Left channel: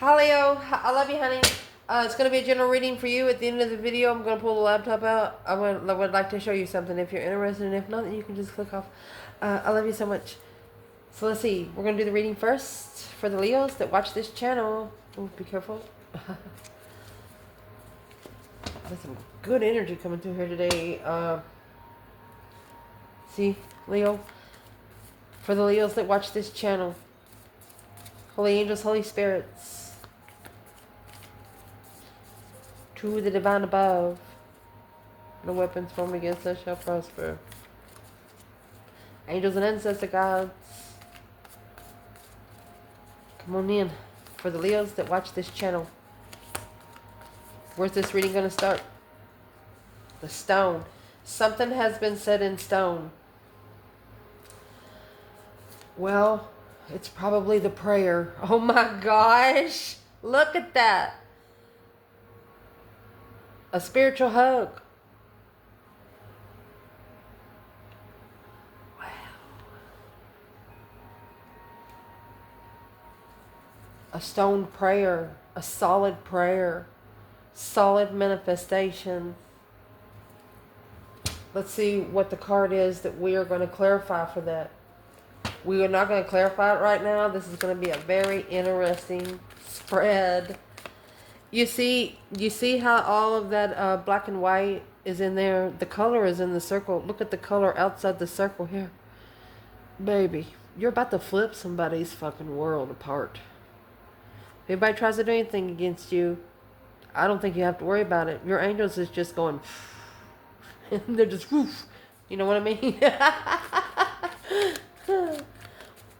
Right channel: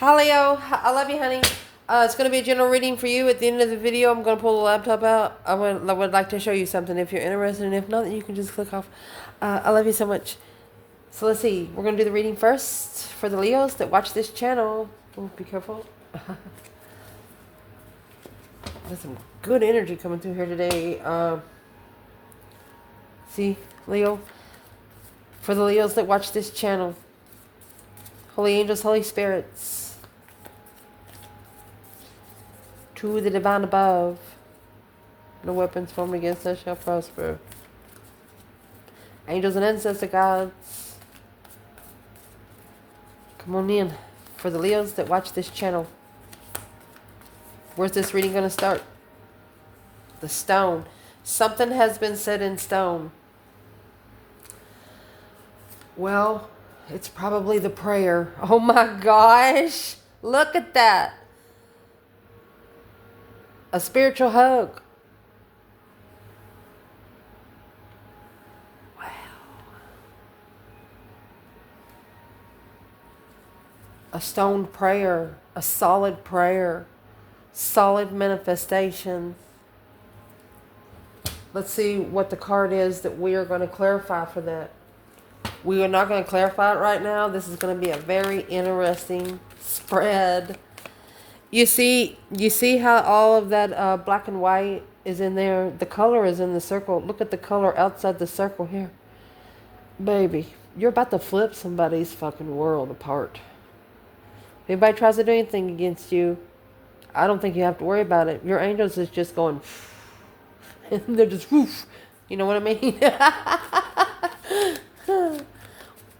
Hi Leo, I love you, honey. It's going to be a general reading for you. At the end of the video, I'm going to pull the laptop out. I would like to show you something if you're interested, and if not, you can just click off. I love you so much. So let's see. We're going to do the reading first for the Leos that watch this channel. Oh, be careful. There's some good energy coming through here today. See, Leo, for the Leos that watch this channel, Holy Angels, Holy Spirits, to the divine above. No weapons formed against us shall prosper. Angels and ancestor gods, come on in. For the Leos that watch this channel, where's this reading going to start? The stone. Something has been set in stone. Well, it's probably the prayer. Oh my gosh. Look at that. A spiritual hug. Wow. A stone prayer. A solid prayer. Solid manifestation. Let's see what the card is that we are going to clarify for that. We are not going to clarify it right now. This is going to be a very interesting spread. You see how all of that black and white is in there? The color is in the circle. Look at the color outside the circle here. Baby, you're about to flip somebody's fucking world apart. If anybody tries to do anything against you, I don't think you have to worry about it. Your angels is just going, and they're just, whoosh. You know what I mean?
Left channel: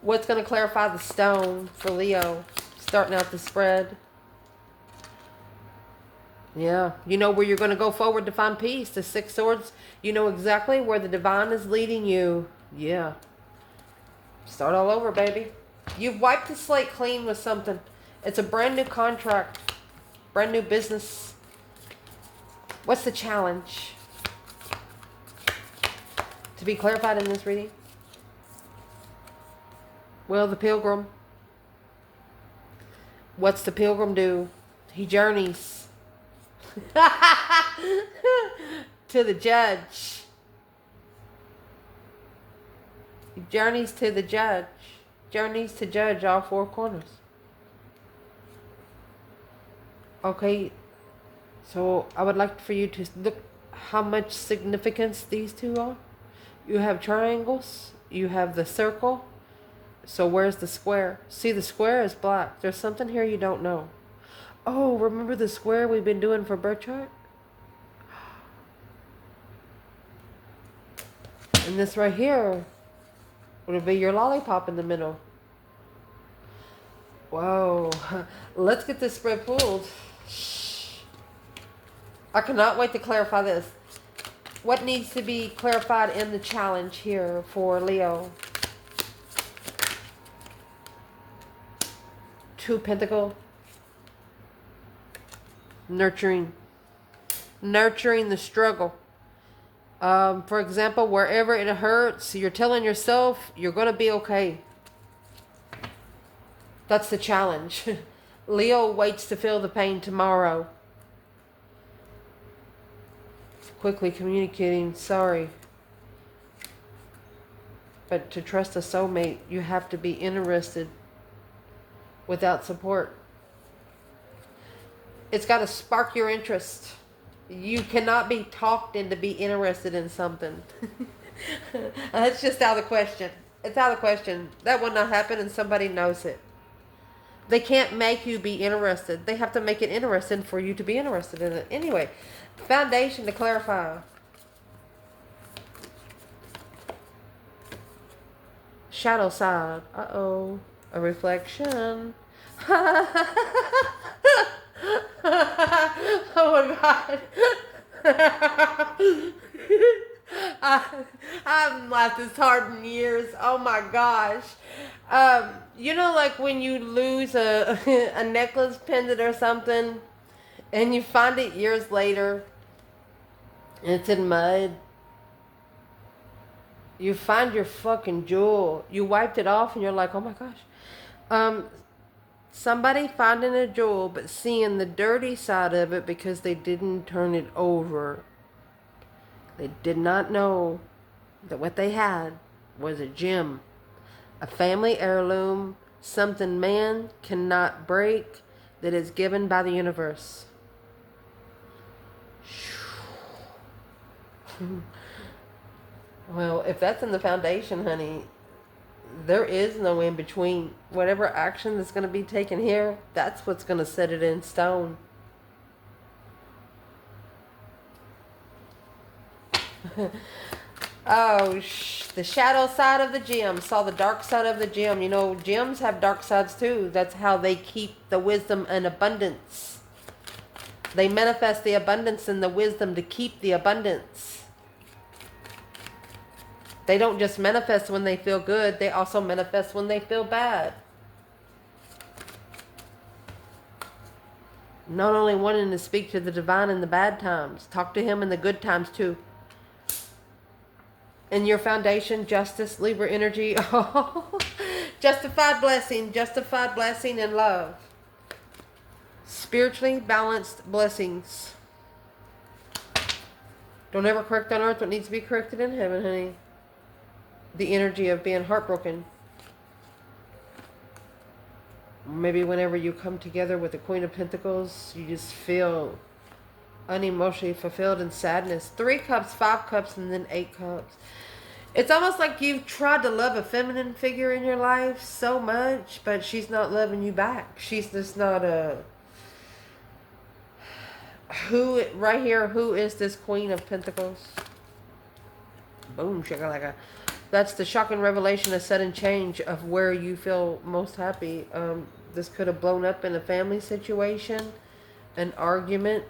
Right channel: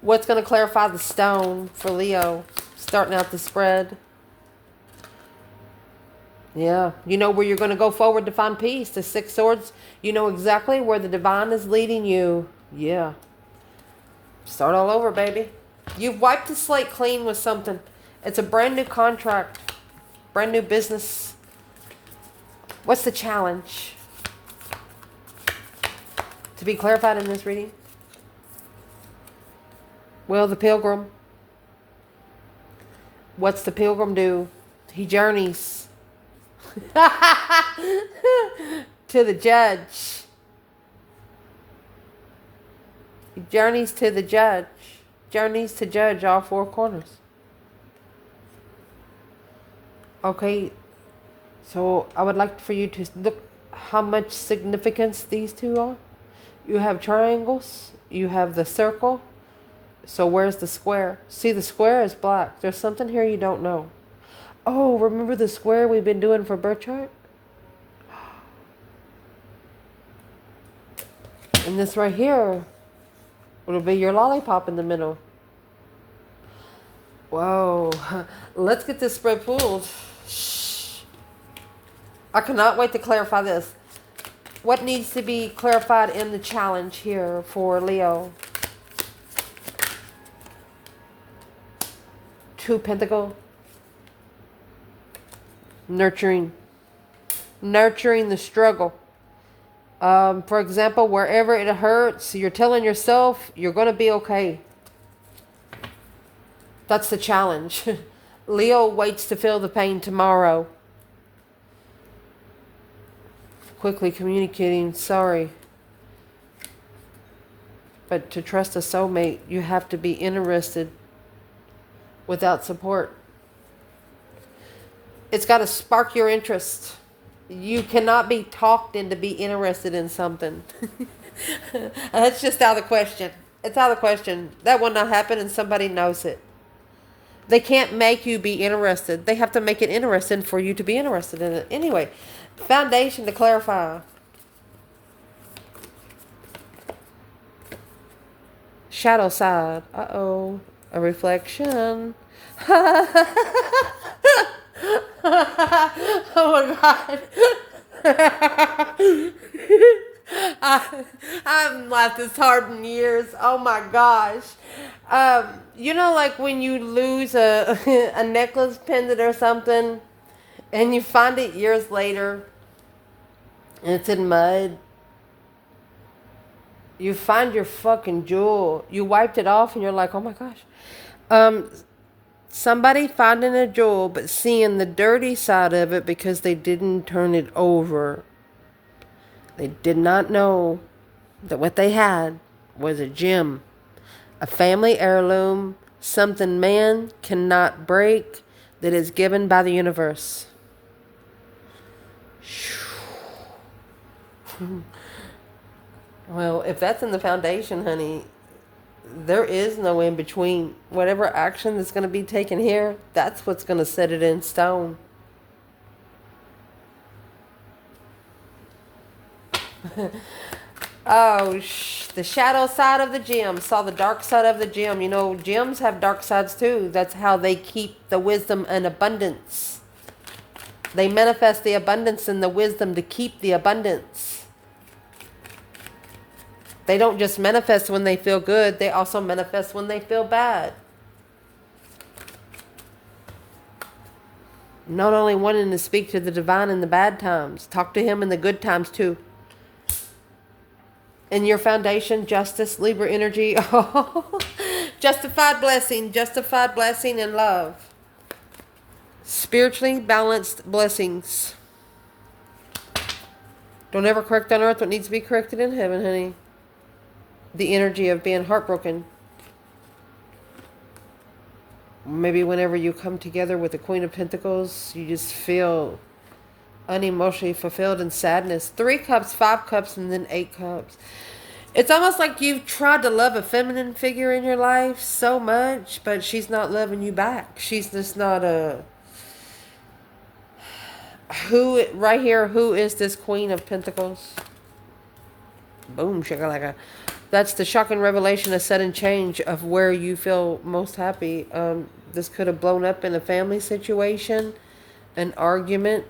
What's going to clarify the stone for Leo? Starting out the spread. Yeah. You know where you're going to go forward to find peace. The Six Swords. You know exactly where the divine is leading you. Yeah. Start all over, baby. You've wiped the slate clean with something. It's a brand new contract. Brand new business. What's the challenge? To be clarified in this reading? Well, the pilgrim. What's the pilgrim do? He journeys to the judge. He journeys to the judge. Journeys to judge all four corners. Okay, so I would like for you to look how much significance these two are. You have triangles. You have the circle. So where's the square? See, the square is black. There's something here you don't know. Oh, remember the square we've been doing for birth chart? And this right here, it'll be your lollipop in the middle. Whoa. Let's get this spread pulled. I cannot wait to clarify this. What needs to be clarified in the challenge here for Leo? Two Pentacle. Nurturing the struggle. For example, wherever it hurts, you're telling yourself you're going to be okay. That's the challenge. Leo waits to feel the pain tomorrow. Quickly communicating, sorry. But to trust a soulmate, you have to be interested. Without support, it's got to spark your interest. You cannot be talked into be interested in something. It's just out of the question. It's out of the question. That will not happen, and somebody knows it. They can't make you be interested. They have to make it interesting for you to be interested in it. Anyway, foundation to clarify. Shadow side. Uh-oh. A reflection. Oh my God. I haven't laughed this hard in years. Oh my gosh. You know, like when you lose a, a necklace pendant or something and you find it years later and it's in mud. You find your fucking jewel. You wiped it off and you're like, oh my gosh. Somebody finding a jewel, but seeing the dirty side of it because they didn't turn it over. They did not know that what they had was a gem, a family heirloom, something man cannot break, that is given by the universe. Well, if that's in the foundation, honey, there is no in between. Whatever action that's going to be taken here, that's what's going to set it in stone. Oh, the shadow side of the gem. Saw the dark side of the gem. You know, gems have dark sides too. That's how they keep the wisdom and abundance. They manifest the abundance and the wisdom to keep the abundance. They don't just manifest when they feel good. They also manifest when they feel bad. Not only wanting to speak to the divine in the bad times. Talk to him in the good times too. In your foundation, justice, Libra energy. Justified blessing and love. Spiritually balanced blessings. Don't ever correct on earth what needs to be corrected in heaven, honey. The energy of being heartbroken. Maybe whenever you come together with the Queen of Pentacles, you just feel unemotionally fulfilled in sadness. 3 cups, 5 cups, and then 8 cups. It's almost like you've tried to love a feminine figure in your life so much, but she's not loving you back. She's just not a... Who, right here, who is this Queen of Pentacles? Boom, shakalaka. That's the shocking revelation, a sudden change of where you feel most happy. This could have blown up in a family situation, an argument,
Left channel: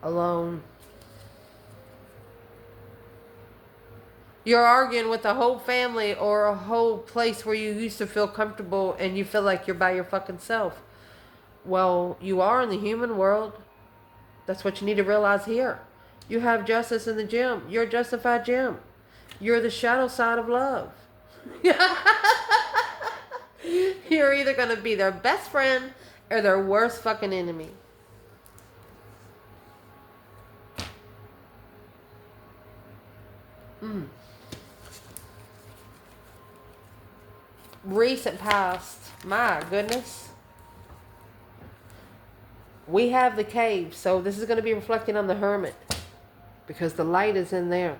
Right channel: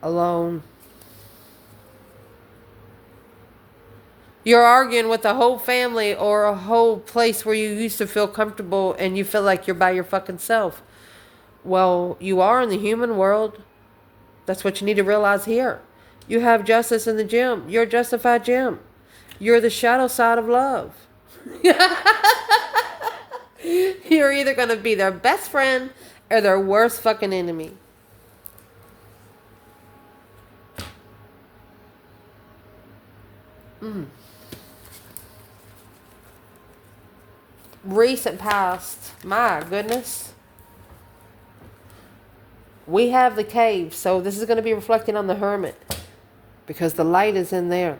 alone. You're arguing with a whole family or a whole place where you used to feel comfortable and you feel like you're by your fucking self. Well, you are in the human world. That's what you need to realize here. You have justice in the gem. You're a justified gem. You're the shadow side of love. You're either going to be their best friend or their worst fucking enemy. Recent past. My goodness. We have the cave. So this is going to be reflecting on the hermit. Because the light is in there.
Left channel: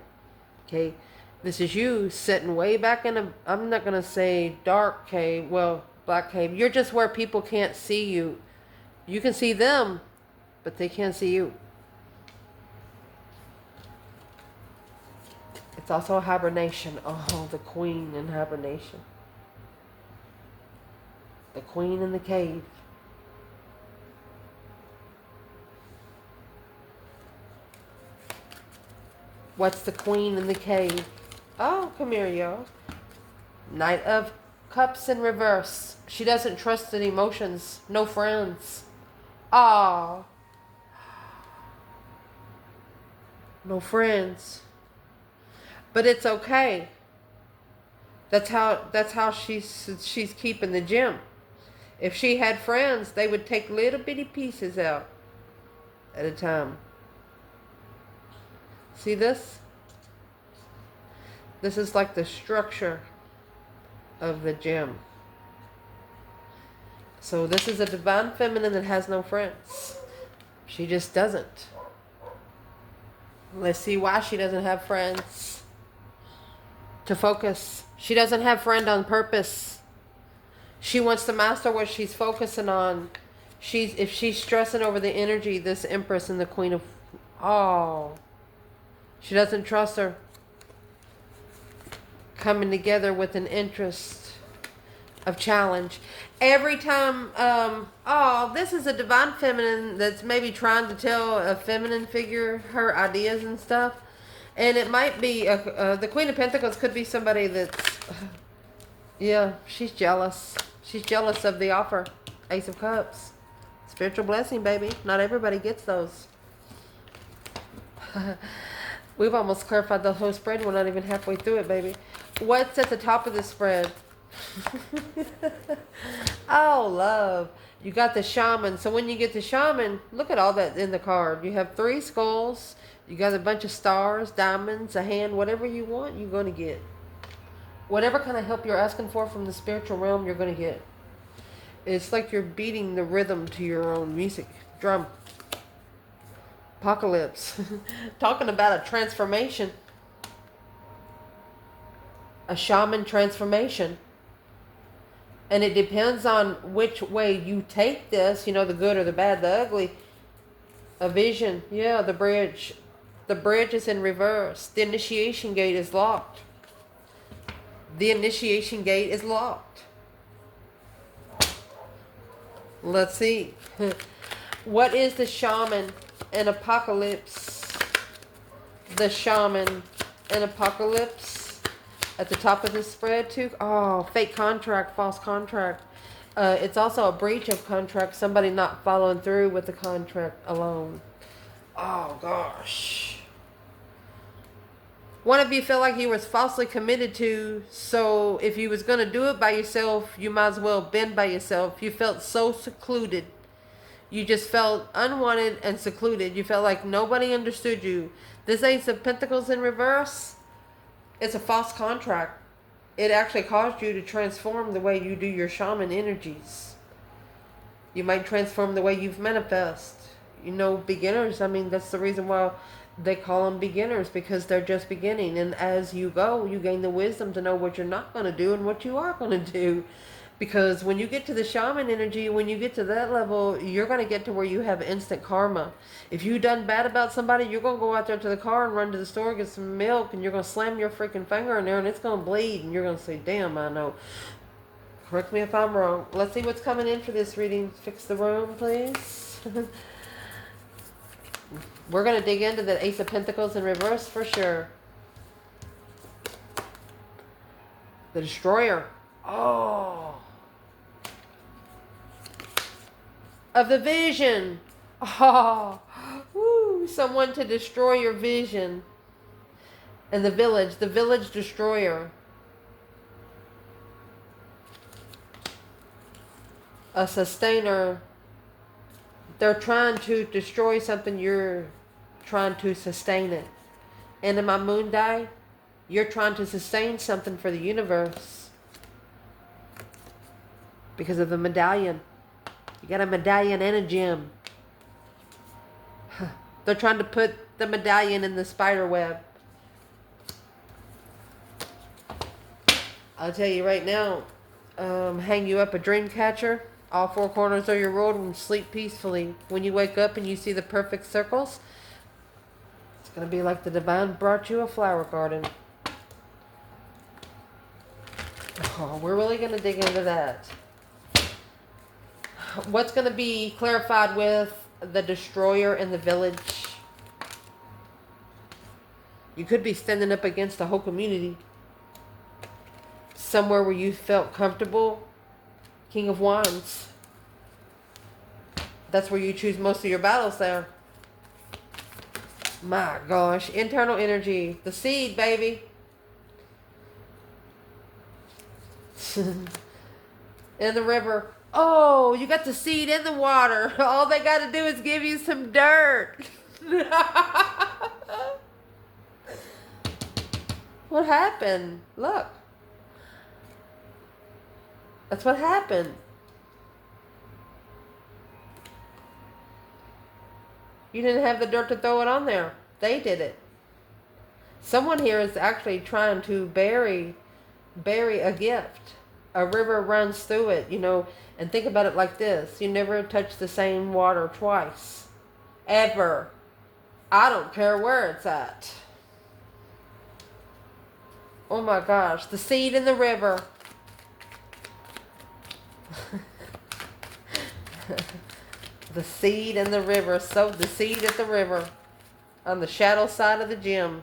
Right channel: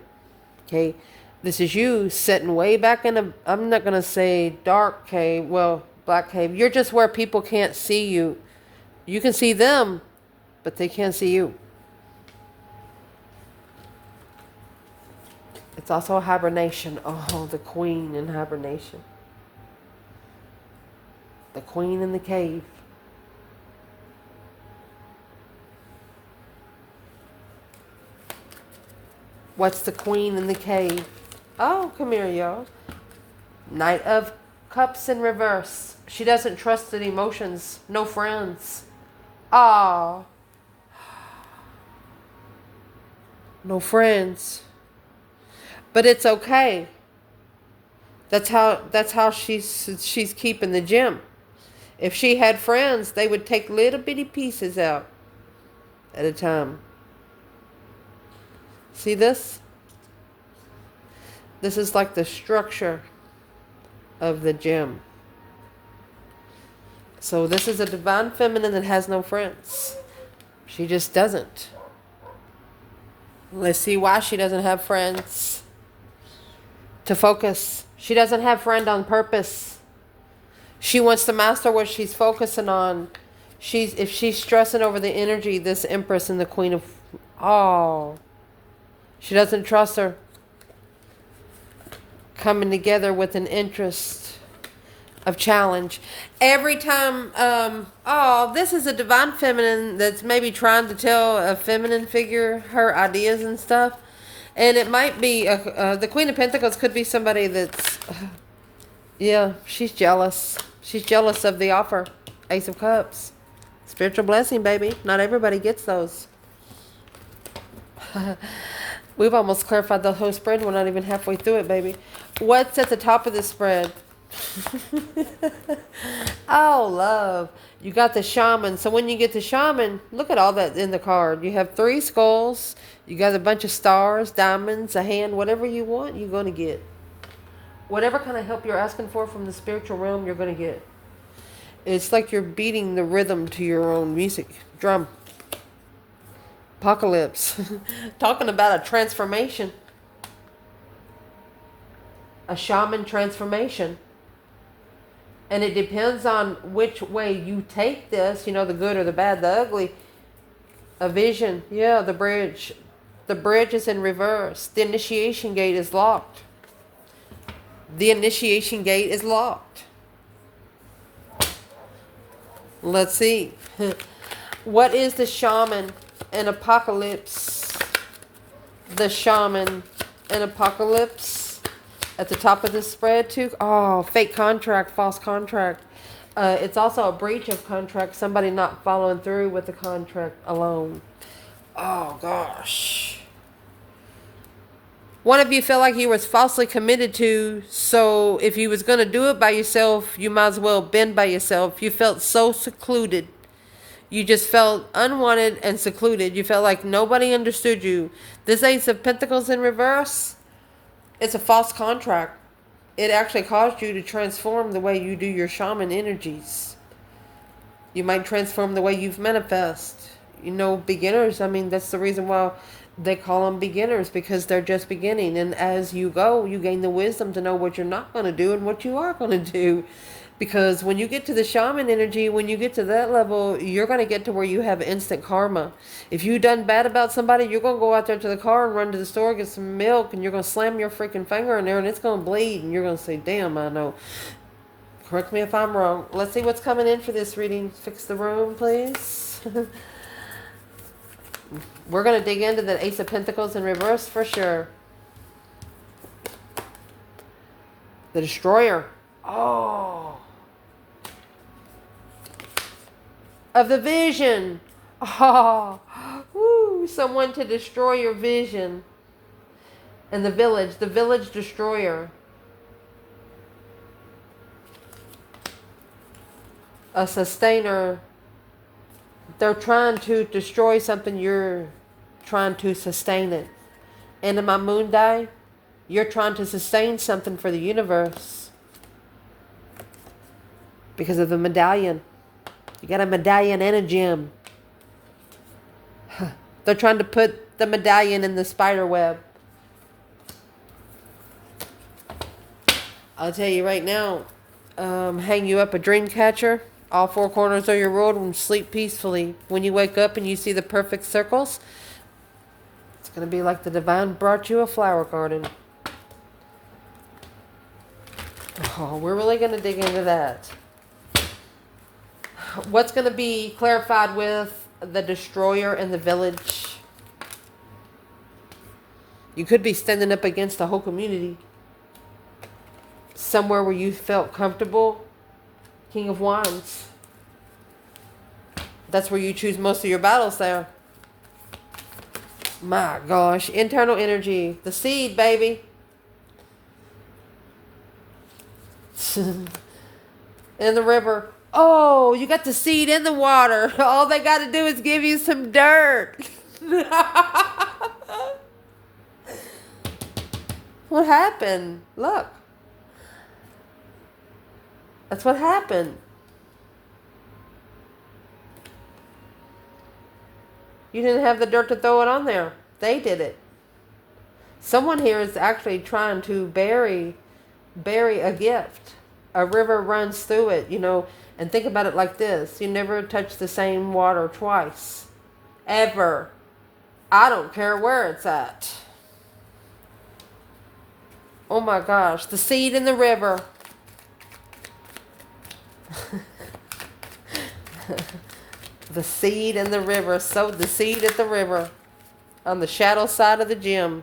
Okay. This is you sitting way back in a, I'm not going to say dark cave. Well, black cave. You're just where people can't see you. You can see them, but they can't see you. It's also a hibernation. Oh, the queen in hibernation. The queen in the cave. What's the queen in the cave? Oh, come here, y'all. Knight of Cups in reverse. She doesn't trust in emotions. No friends. Ah. No friends. But it's okay. That's how she's keeping the gem. If she had friends, they would take little bitty pieces out at a time. See this? This is like the structure of the gem. So this is a divine feminine that has no friends. She just doesn't. Let's see why she doesn't have friends. To focus. She doesn't have friend on purpose. She wants to master what she's focusing on. If she's stressing over the energy, this Empress and the Queen of... Oh. She doesn't trust her. Coming together with an interest of challenge. Every time... this is a divine feminine that's maybe trying to tell a feminine figure her ideas and stuff. And it might be... the Queen of Pentacles could be somebody that's... yeah, she's jealous. She's jealous of the offer. Ace of Cups. Spiritual blessing, baby. Not everybody gets those. We've almost clarified the whole spread. We're not even halfway through it, baby. What's at the top of the spread? Oh, love. You got the shaman. So when you get the shaman, look at all that in the card. You have 3 skulls. You got a bunch of stars, diamonds, a hand, whatever you want, you're going to get. Whatever kind of help you're asking for from the spiritual realm, you're going to get. It's like you're beating the rhythm to your own music. Drum. Apocalypse. Talking about a transformation. A shaman transformation. And it depends on which way you take this, you know, the good or the bad, the ugly. A vision. Yeah, the bridge. The bridge is in reverse. The initiation gate is locked. The initiation gate is locked. Let's see. What is the shaman and apocalypse? The shaman and apocalypse. At the top of the spread too. Oh, fake contract, false contract. It's also a breach of contract. Somebody not following through with the contract alone. Oh gosh. One of you felt like you was falsely committed to, so if you was going to do it by yourself, you might as well been by yourself. You felt so secluded. You just felt unwanted and secluded. You felt like nobody understood you. This Ace of Pentacles in reverse, it's a false contract. It actually caused you to transform the way you do your shaman energies. You might transform the way you've manifest. You know, beginners, I mean, that's the reason why they call them beginners, because they're just beginning. And as you go, you gain the wisdom to know what you're not going to do and what you are going to do. Because when you get to the shaman energy, when you get to that level, you're going to get to where you have instant karma. If you done bad about somebody, you're going to go out there to the car and run to the store, get some milk, and you're going to slam your freaking finger in there, and it's going to bleed. And you're going to say, damn, I know. Correct me if I'm wrong. Let's see what's coming in for this reading. Fix the room, please. We're going to dig into the Ace of Pentacles in reverse for sure. The Destroyer. Oh. Of the vision. Oh. Woo. Someone to destroy your vision. And the village destroyer. A sustainer. They're trying to destroy something, you're trying to sustain it. And in my moon die, you're trying to sustain something for the universe. Because of the medallion. You got a medallion and a gem. They're trying to put the medallion in the spider web. I'll tell you right now, hang you up a dream catcher. All 4 corners of your world and sleep peacefully. When you wake up and you see the perfect circles, it's going to be like the divine brought you a flower garden. Oh, we're really going to dig into that. What's going to be clarified with the destroyer and the village? You could be standing up against the whole community. Somewhere where you felt comfortable. King of Wands. That's where you choose most of your battles there. My gosh. Internal energy. The seed, baby. In the river. Oh, you got the seed in the water. All they got to do is give you some dirt. What happened? Look. That's what happened. You didn't have the dirt to throw it on there. They did it. Someone here is actually trying to bury a gift. A river runs through it, you know, and think about it like this. You never touch the same water twice. Ever. I don't care where it's at. Oh my gosh. The seed in the river. The seed in the river. Sowed the seed at the river. On the shadow side of the gym.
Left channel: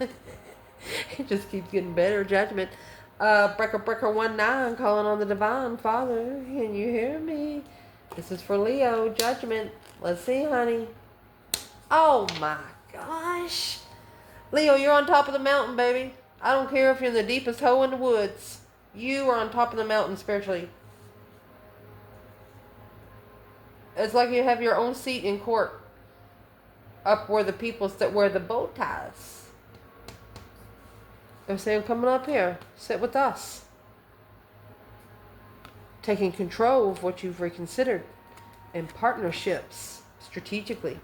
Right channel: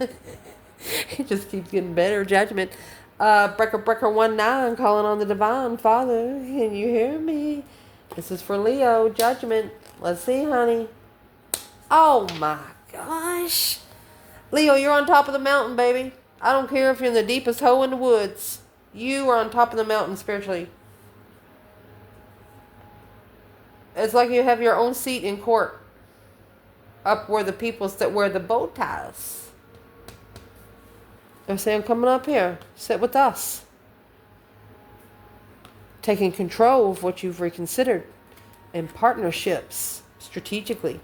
It just keeps getting better. Judgment. Breaker 19 calling on the divine Father. Can you hear me? This is for Leo. Judgment. Let's see, honey. Oh my gosh. Leo, you're on top of the mountain, baby. I don't care if you're in the deepest hole in the woods. You are on top of the mountain spiritually. It's like you have your own seat in court. Up where the people that wear the bow ties. They're saying, come on up here. Sit with us. Taking control of what you've reconsidered. In partnerships. Strategically.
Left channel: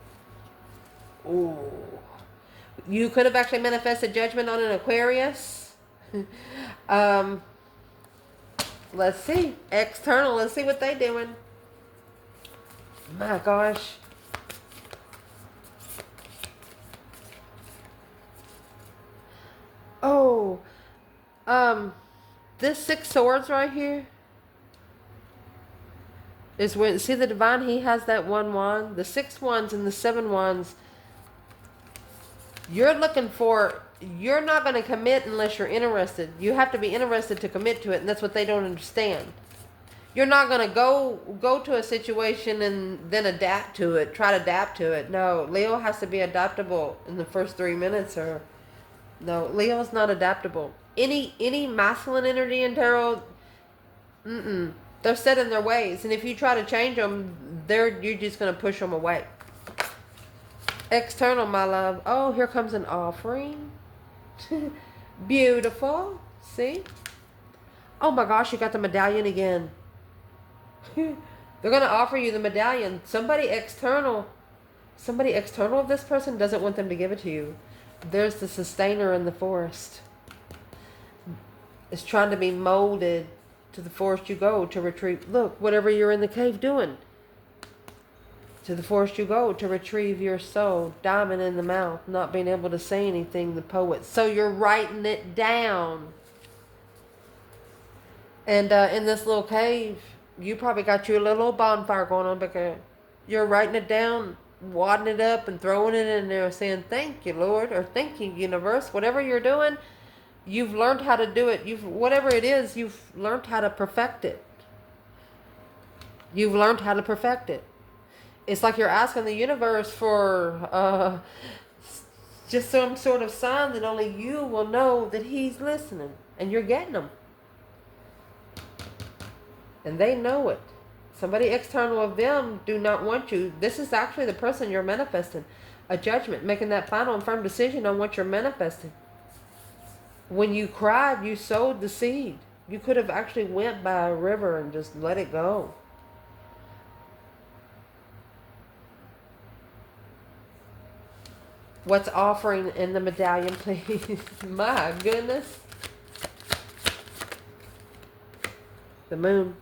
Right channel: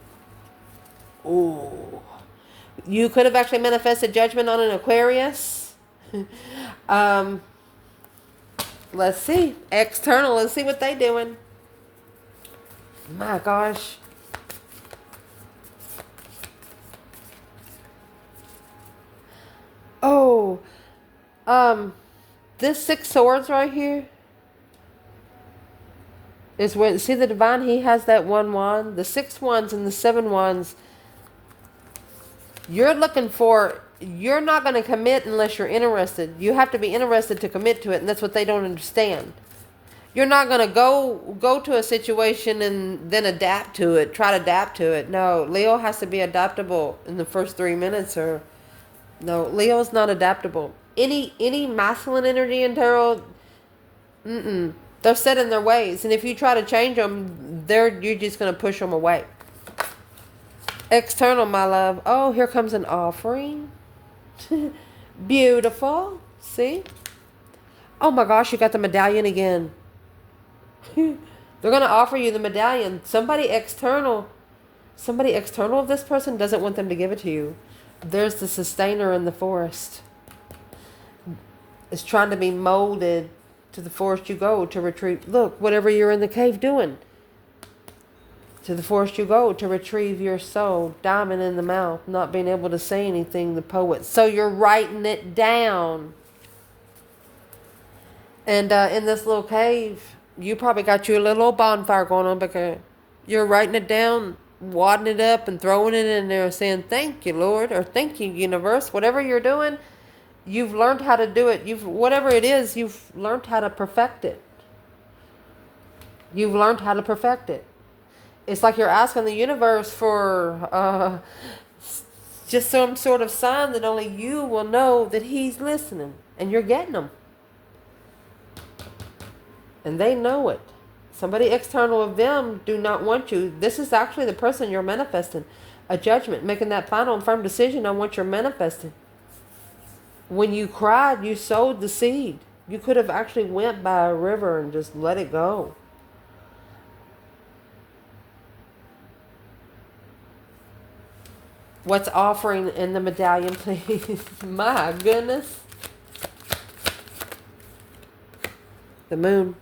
Ooh. You could have actually manifested judgment on an Aquarius. Let's see. External. Let's see what they doing. My gosh. Oh. This 6 swords right here is when, see the divine, he has that 1 wand. The 6 wands and the 7 wands. You're looking for, you're not going to commit unless you're interested. You have to be interested to commit to it, and that's what they don't understand. You're not going to go to a situation and then adapt to it, try to adapt to it. No, Leo has to be adaptable in the first 3 minutes, or no, Leo's not adaptable. Any masculine energy in tarot, they're set in their ways, and if you try to change them, you're just going to push them away. External, my love. Oh, here comes an offering. Beautiful. See? Oh my gosh, you got the medallion again. They're going to offer you the medallion. Somebody external of this person doesn't want them to give it to you. There's the sustainer in the forest. It's trying to be molded to the forest you go to retrieve. Look, whatever you're in the cave doing. To the forest you go to retrieve your soul. Diamond in the mouth. Not being able to say anything, the poet. So you're writing it down. And in this little cave, you probably got you a little old bonfire going on because you're writing it down, wadding it up and throwing it in there saying, thank you, Lord, or thank you, universe. Whatever you're doing, you've learned how to do it. Whatever it is, you've learned how to perfect it. You've learned how to perfect it. It's like you're asking the universe for just some sort of sign that only you will know that he's listening. And you're getting them. And they know it. Somebody external of them do not want you. This is actually the person you're manifesting. A judgment, making that final and firm decision on what you're manifesting. When you cried, you sowed the seed. You could have actually went by a river and just let it go. What's offering in the medallion, please? My goodness. The moon.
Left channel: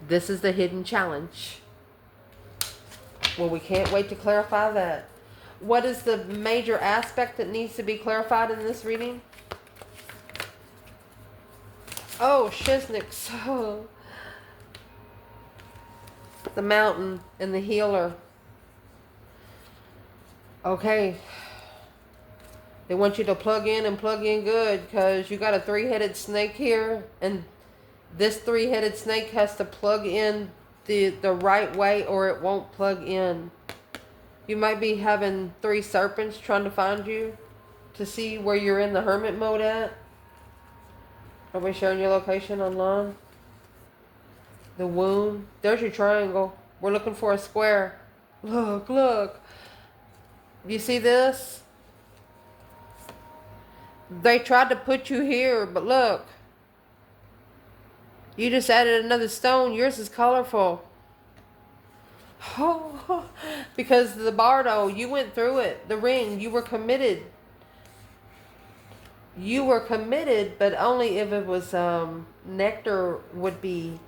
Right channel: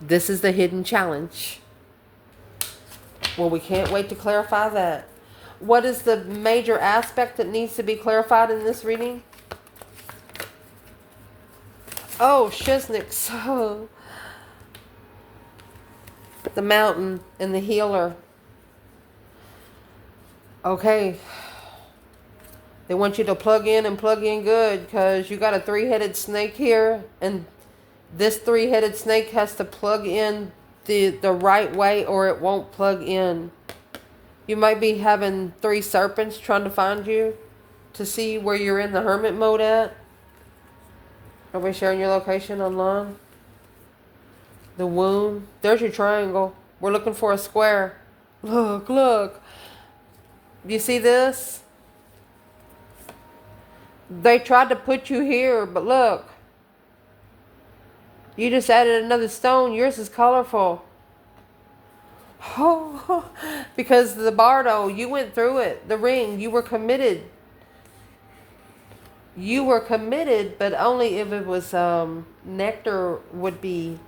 This is the hidden challenge. Well, we can't wait to clarify that. What is the major aspect that needs to be clarified in this reading? Oh, Shiznik. So, the mountain and the healer. Okay. They want you to plug in and plug in good because you got a 3-headed snake here, and this 3-headed snake has to plug in the right way or it won't plug in. You might be having 3 serpents trying to find you to see where you're in the hermit mode at. Are we sharing your location online? The wound. There's your triangle. We're looking for a square. Look, look. Do you see this? They tried to put you here, but look. You just added another stone. Yours is colorful. Oh, because the bardo, you went through it. The ring, you were committed. You were committed, but only if it was nectar would be,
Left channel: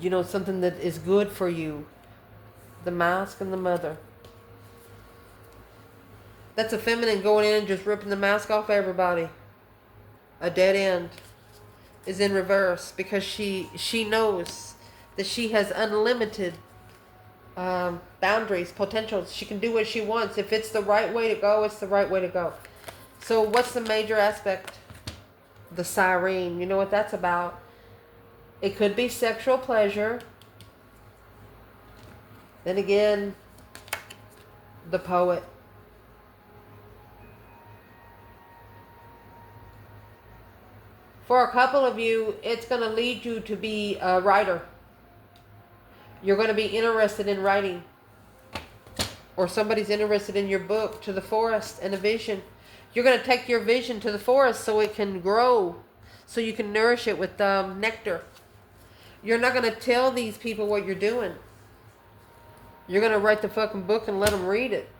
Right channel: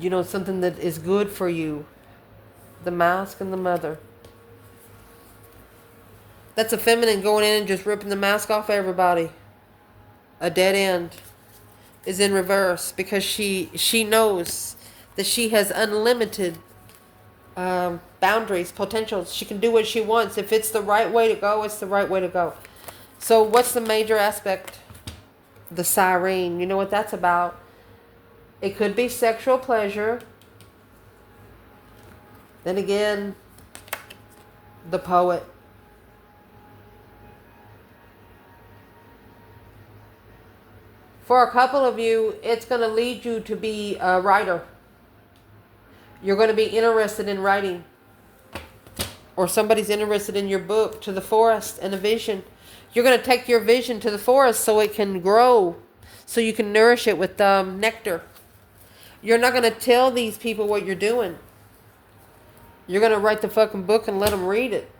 something that is good for you. The mask and the mother. That's a feminine going in and just ripping the mask off everybody. A dead end is in reverse because she knows that she has unlimited boundaries, potentials. She can do what she wants. If it's the right way to go, it's the right way to go. So what's the major aspect? The siren. You know what that's about? It could be sexual pleasure. Then again, the poet. For a couple of you, it's going to lead you to be a writer. You're going to be interested in writing. Or somebody's interested in your book, to the forest and a vision. You're going to take your vision to the forest so it can grow. So you can nourish it with nectar. You're not going to tell these people what you're doing. You're going to write the fucking book and let them read it.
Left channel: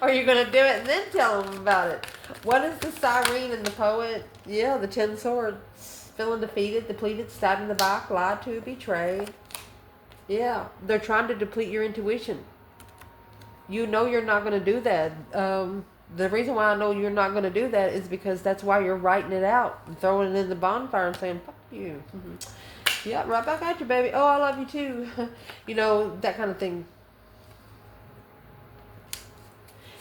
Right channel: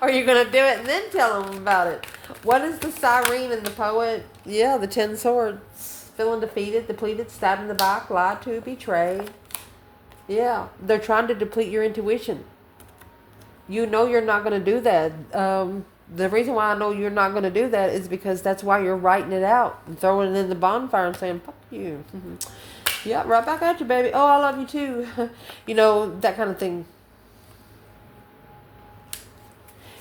Or you're going to do it and then tell them about it. What is the siren in the poet? Yeah, the 10 swords. Feeling defeated, depleted, stabbed in the back, lied to, betrayed. Yeah, they're trying to deplete your intuition. You know you're not going to do that. The reason why I know you're not going to do that is because that's why you're writing it out and throwing it in the bonfire and saying, fuck you. Yeah, right back at you, baby. Oh, I love you too. You know, that kind of thing.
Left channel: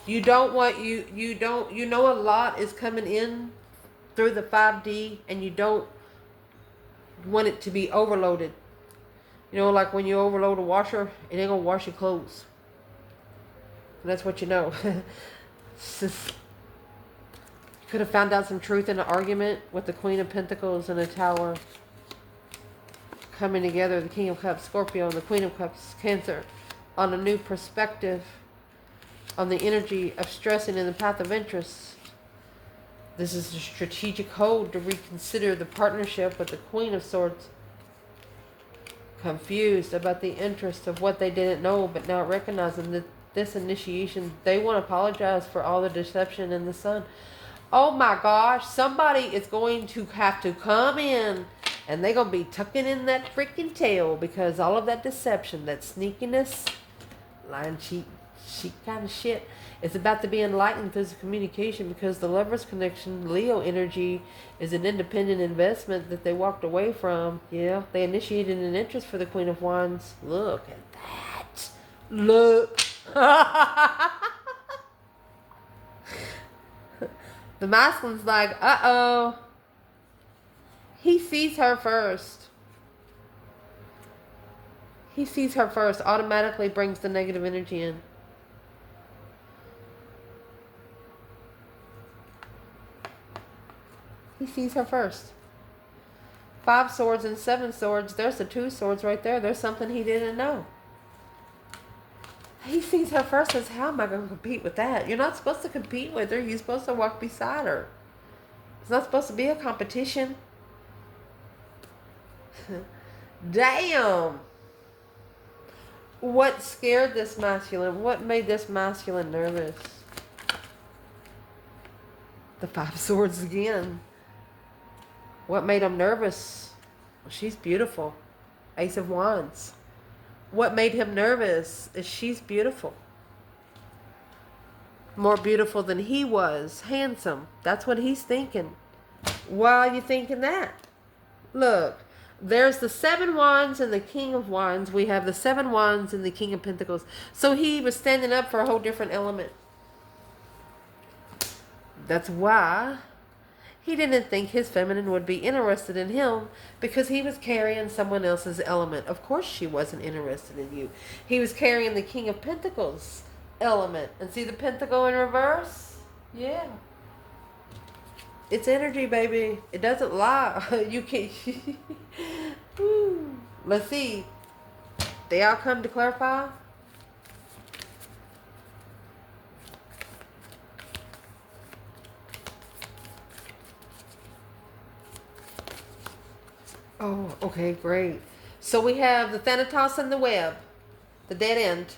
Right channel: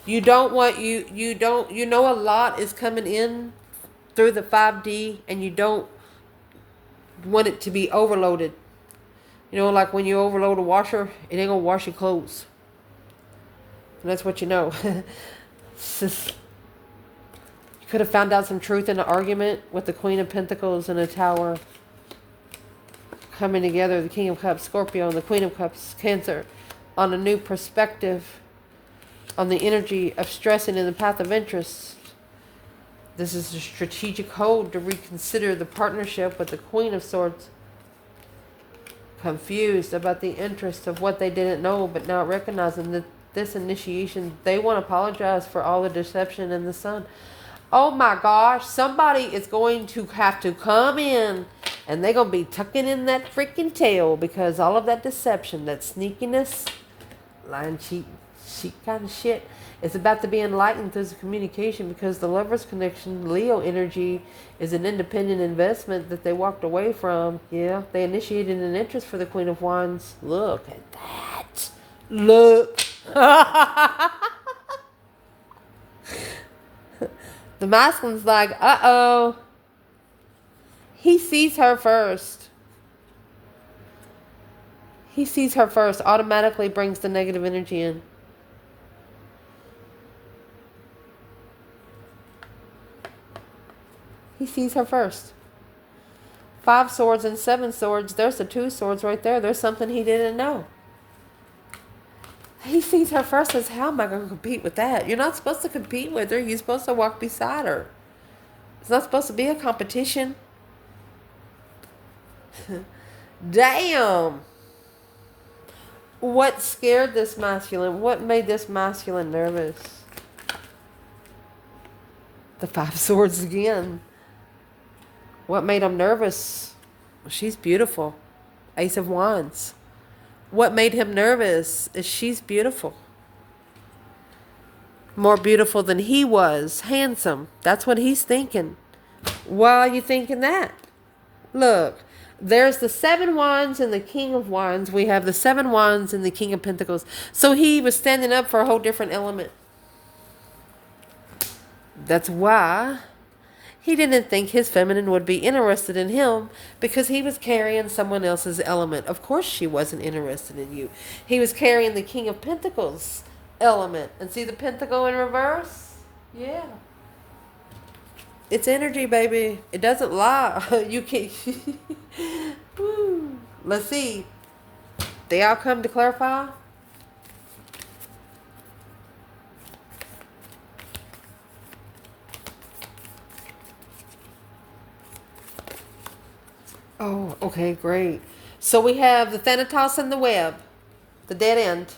You don't want, you know a lot is coming in through the 5D and you don't want it to be overloaded. You know, like when you overload a washer, it ain't gonna wash your clothes. And that's what you know. You could have found out some truth in an argument with the Queen of Pentacles and a Tower coming together, the King of Cups, Scorpio, and the Queen of Cups, Cancer, on a new perspective on the energy of stressing in the path of interest. This is a strategic hold to reconsider the partnership with the Queen of Swords. Confused about the interest of what they didn't know, but now recognizing that this initiation, they want to apologize for all the deception in the sun. Oh my gosh, somebody is going to have to come in and they're going to be tucking in that freaking tail because all of that deception, that sneakiness, lying, cheat kind of shit, is about to be enlightened through the communication because the Lover's connection, Leo energy, is an independent investment that they walked away from. Yeah, they initiated an interest for the Queen of Wands. Look at that. Look. The masculine's like, uh-oh. He sees her first. He sees her first. Automatically brings the negative energy in. He sees her first. 5 swords and 7 swords. There's the 2 swords right there. There's something he didn't know. He sees her first and says, how am I going to compete with that? You're not supposed to compete with her. You're supposed to walk beside her. It's not supposed to be a competition. Damn. What scared this masculine? What made this masculine nervous? The 5 swords again. What made him nervous? Well, she's beautiful. Ace of Wands. What made him nervous is she's beautiful. More beautiful than he was. Handsome. That's what he's thinking. Why are you thinking that? Look, there's the 7 wands and the King of Wands. We have the 7 wands and the King of Pentacles. So he was standing up for a whole different element. That's why he didn't think his feminine would be interested in him because he was carrying someone else's element. Of course she wasn't interested in you. He was carrying the King of Pentacles element. And see the pentacle in reverse? Yeah. It's energy, baby. It doesn't lie. You can't. Woo. Let's see. The outcome to clarify. Oh, okay, great. So we have the Thanatos and the web. The dead end.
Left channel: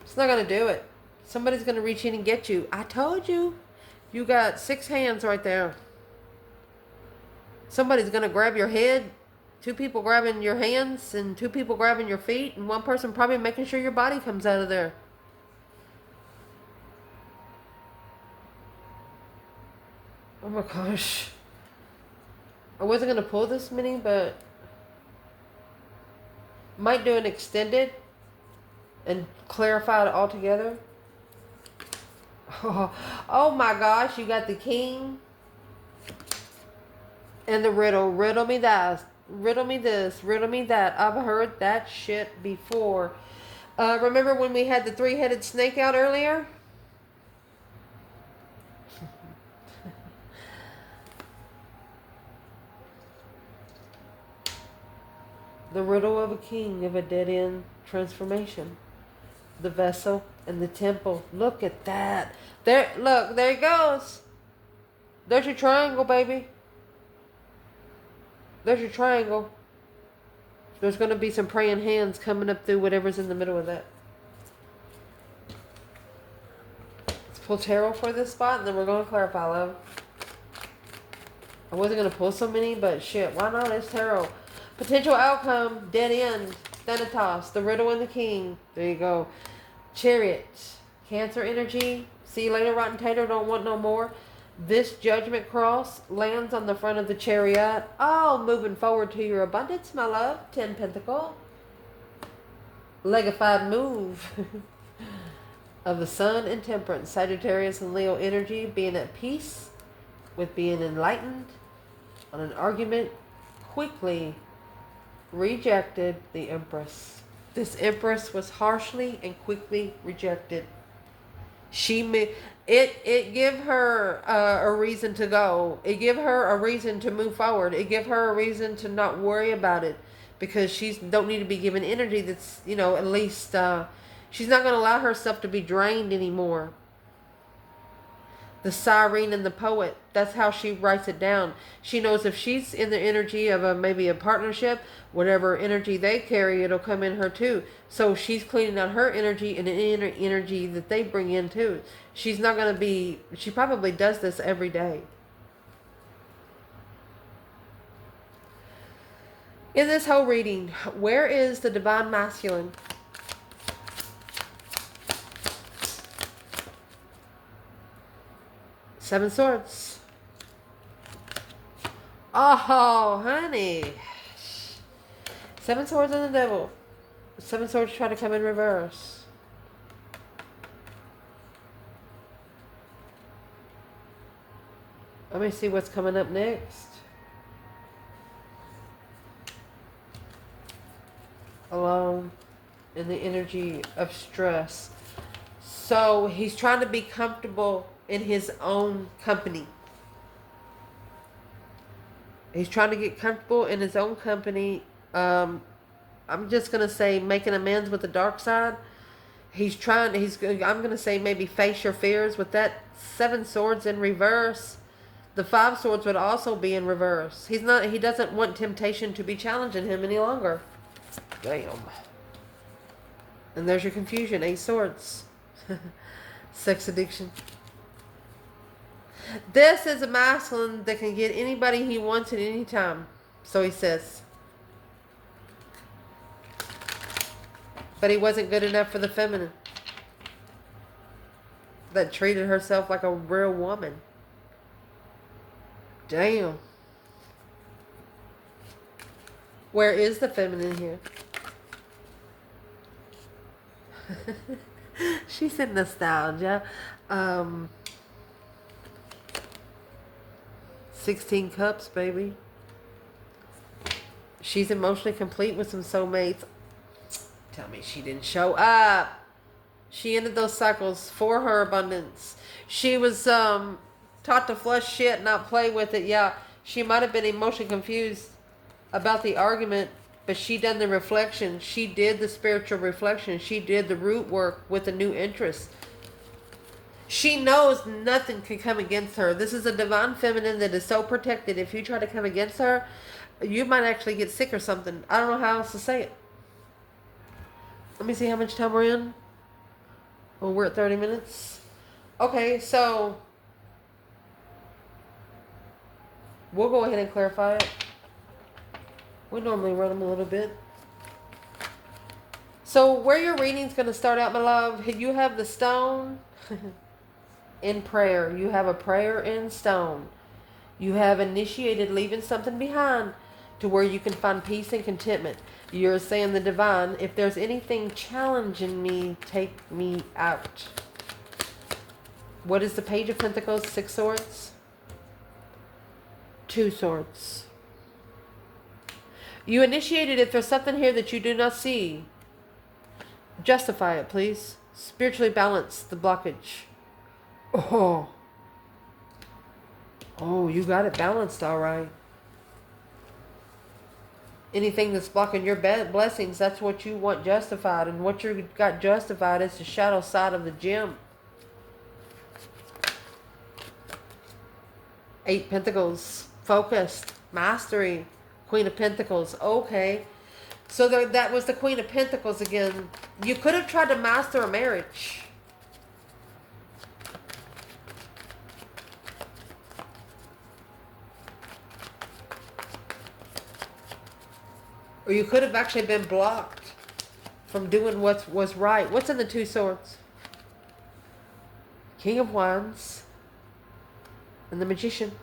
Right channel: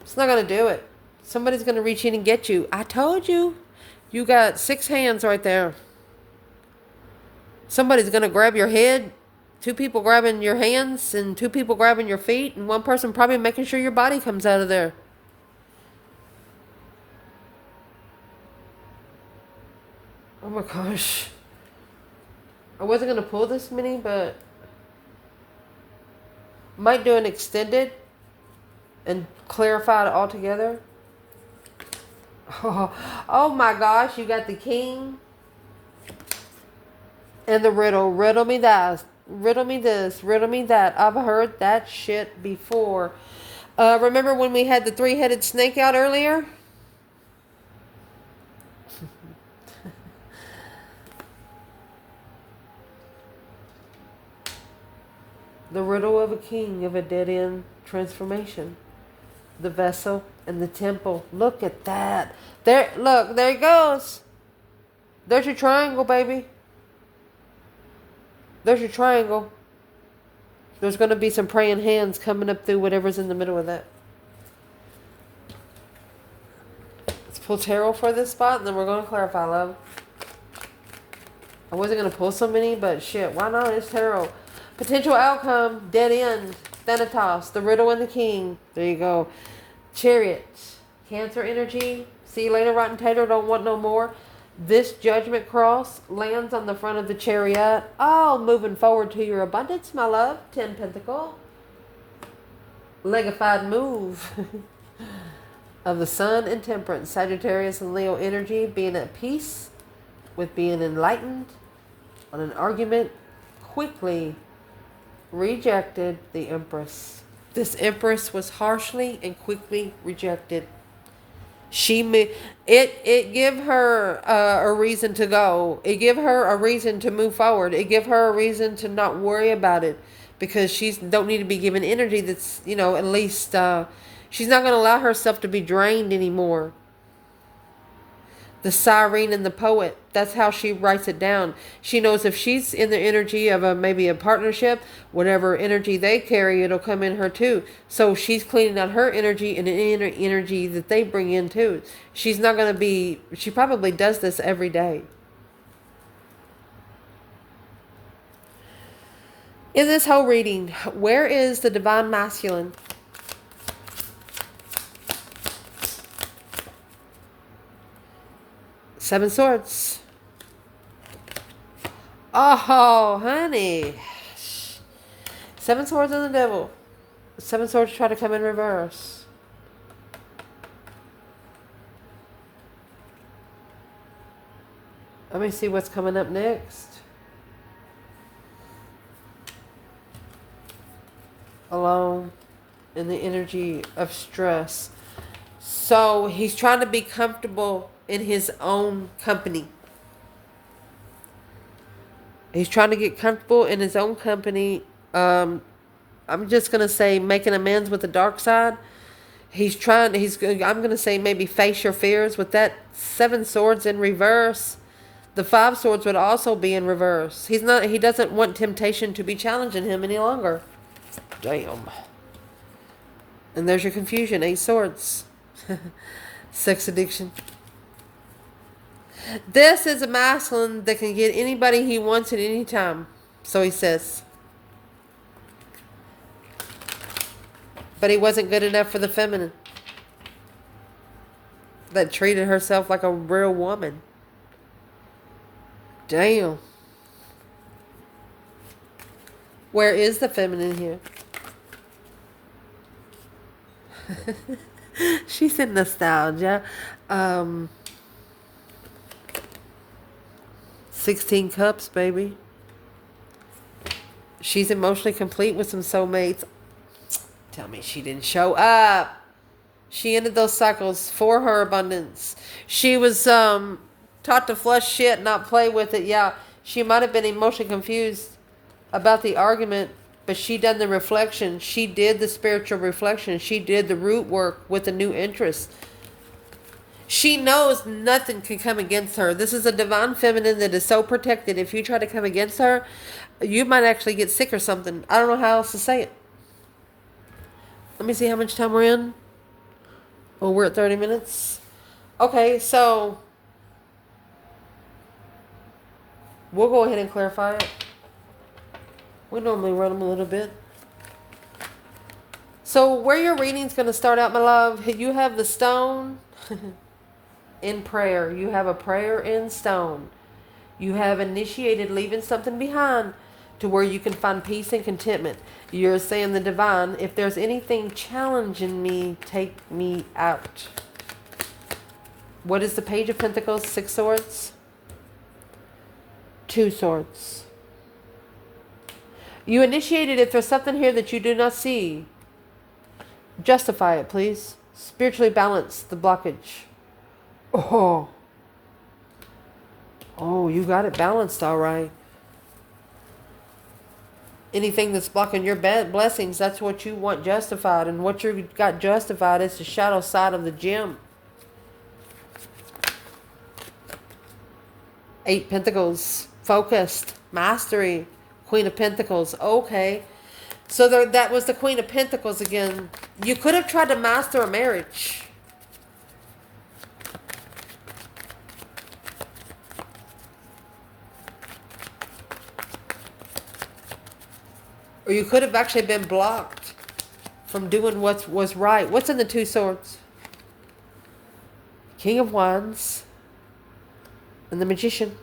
It's not going to do it. Somebody's going to reach in and get you. I told you. You got 6 hands right there. Somebody's going to grab your head. 2 people grabbing your hands and 2 people grabbing your feet. And 1 person probably making sure your body comes out of there. Oh my gosh. I wasn't going to pull this many, but might do an extended and clarify it all together. Oh my gosh, you got the King and the riddle. Riddle me that. Riddle me this. Riddle me that. I've heard that shit before. Remember when we had the 3-headed snake out earlier? The riddle of a king of a dead-end transformation. The vessel and the temple. Look at that. There, look, there it goes. There's your triangle, baby. There's your triangle. There's going to be some praying hands coming up through whatever's in the middle of that. Let's pull tarot for this spot, and then we're going to clarify, love. I wasn't going to pull so many, but shit, why not? It's tarot. Potential outcome, dead end, Thanatos, the riddle and the king. There you go. Chariot, Cancer energy. See you later, rotten tater, don't want no more. This judgment cross lands on the front of the chariot. Oh, moving forward to your abundance, my love. 10 pentacle. Legified move of the sun and temperance. Sagittarius and Leo energy. Being at peace with being enlightened on an argument. Quickly rejected the Empress. This Empress was harshly and quickly rejected. It give her a reason to go. It give her a reason to move forward. It give her a reason to not worry about it, because she's don't need to be given energy that's, at least she's not going to allow herself to be drained anymore. The siren and the poet, that's how she writes it down. She knows if she's in the energy of maybe a partnership, whatever energy they carry, it'll come in her too. So she's cleaning out her energy and the inner energy that they bring in too. She's not going to be, she probably does this every day. In this whole reading, where is the divine masculine? Seven Swords. Oh, honey. Seven Swords on the devil. Seven Swords try to come in reverse. Let me see what's coming up next. Alone in the energy of stress. So he's trying to be comfortable in his own company. He's trying to get comfortable in his own company. I'm just going to say making amends with the dark side. I'm going to say maybe face your fears with that Seven Swords in reverse. The Five Swords would also be in reverse. He doesn't want temptation to be challenging him any longer. Damn. And there's your confusion. 8 Swords. Sex addiction. This is a masculine that can get anybody he wants at any time. So he says. But he wasn't good enough for the feminine. That treated herself like a real woman. Damn. Where is the feminine here? She's in nostalgia. 16 cups, baby. She's emotionally complete with some soulmates. Tell me she didn't show up. She ended those cycles for her abundance. She was taught to flush shit, not play with it. Yeah, she might have been emotionally confused about the argument, but she done the reflection. She did the spiritual reflection. She did the root work with a new interest. She knows nothing can come against her. This is a divine feminine that is so protected. If you try to come against her, you might actually get sick or something. I don't know how else to say it. Let me see how much time we're in. Well, we're at 30 minutes. Okay, so we'll go ahead and clarify it. We normally run them a little bit. So where your reading's going to start out, my love, you have the stone in prayer. You have a prayer in stone. You have initiated leaving something behind to where you can find peace and contentment. You're saying the divine, if there's anything challenging me, take me out. What is the Page of Pentacles? 6 Swords. 2 Swords. You initiated it. There's something here that you do not see. Justify it, please. Spiritually balance the blockage. Oh, you got it balanced, all right. Anything that's blocking your blessings, that's what you want justified. And what you got justified is the shadow side of the gem. 8 Pentacles, focused, mastery, Queen of Pentacles. Okay. So that was the Queen of Pentacles again. You could have tried to master a marriage. Or you could have actually been blocked from doing what was right. What's in the 2 Swords? King of Wands and the Magician.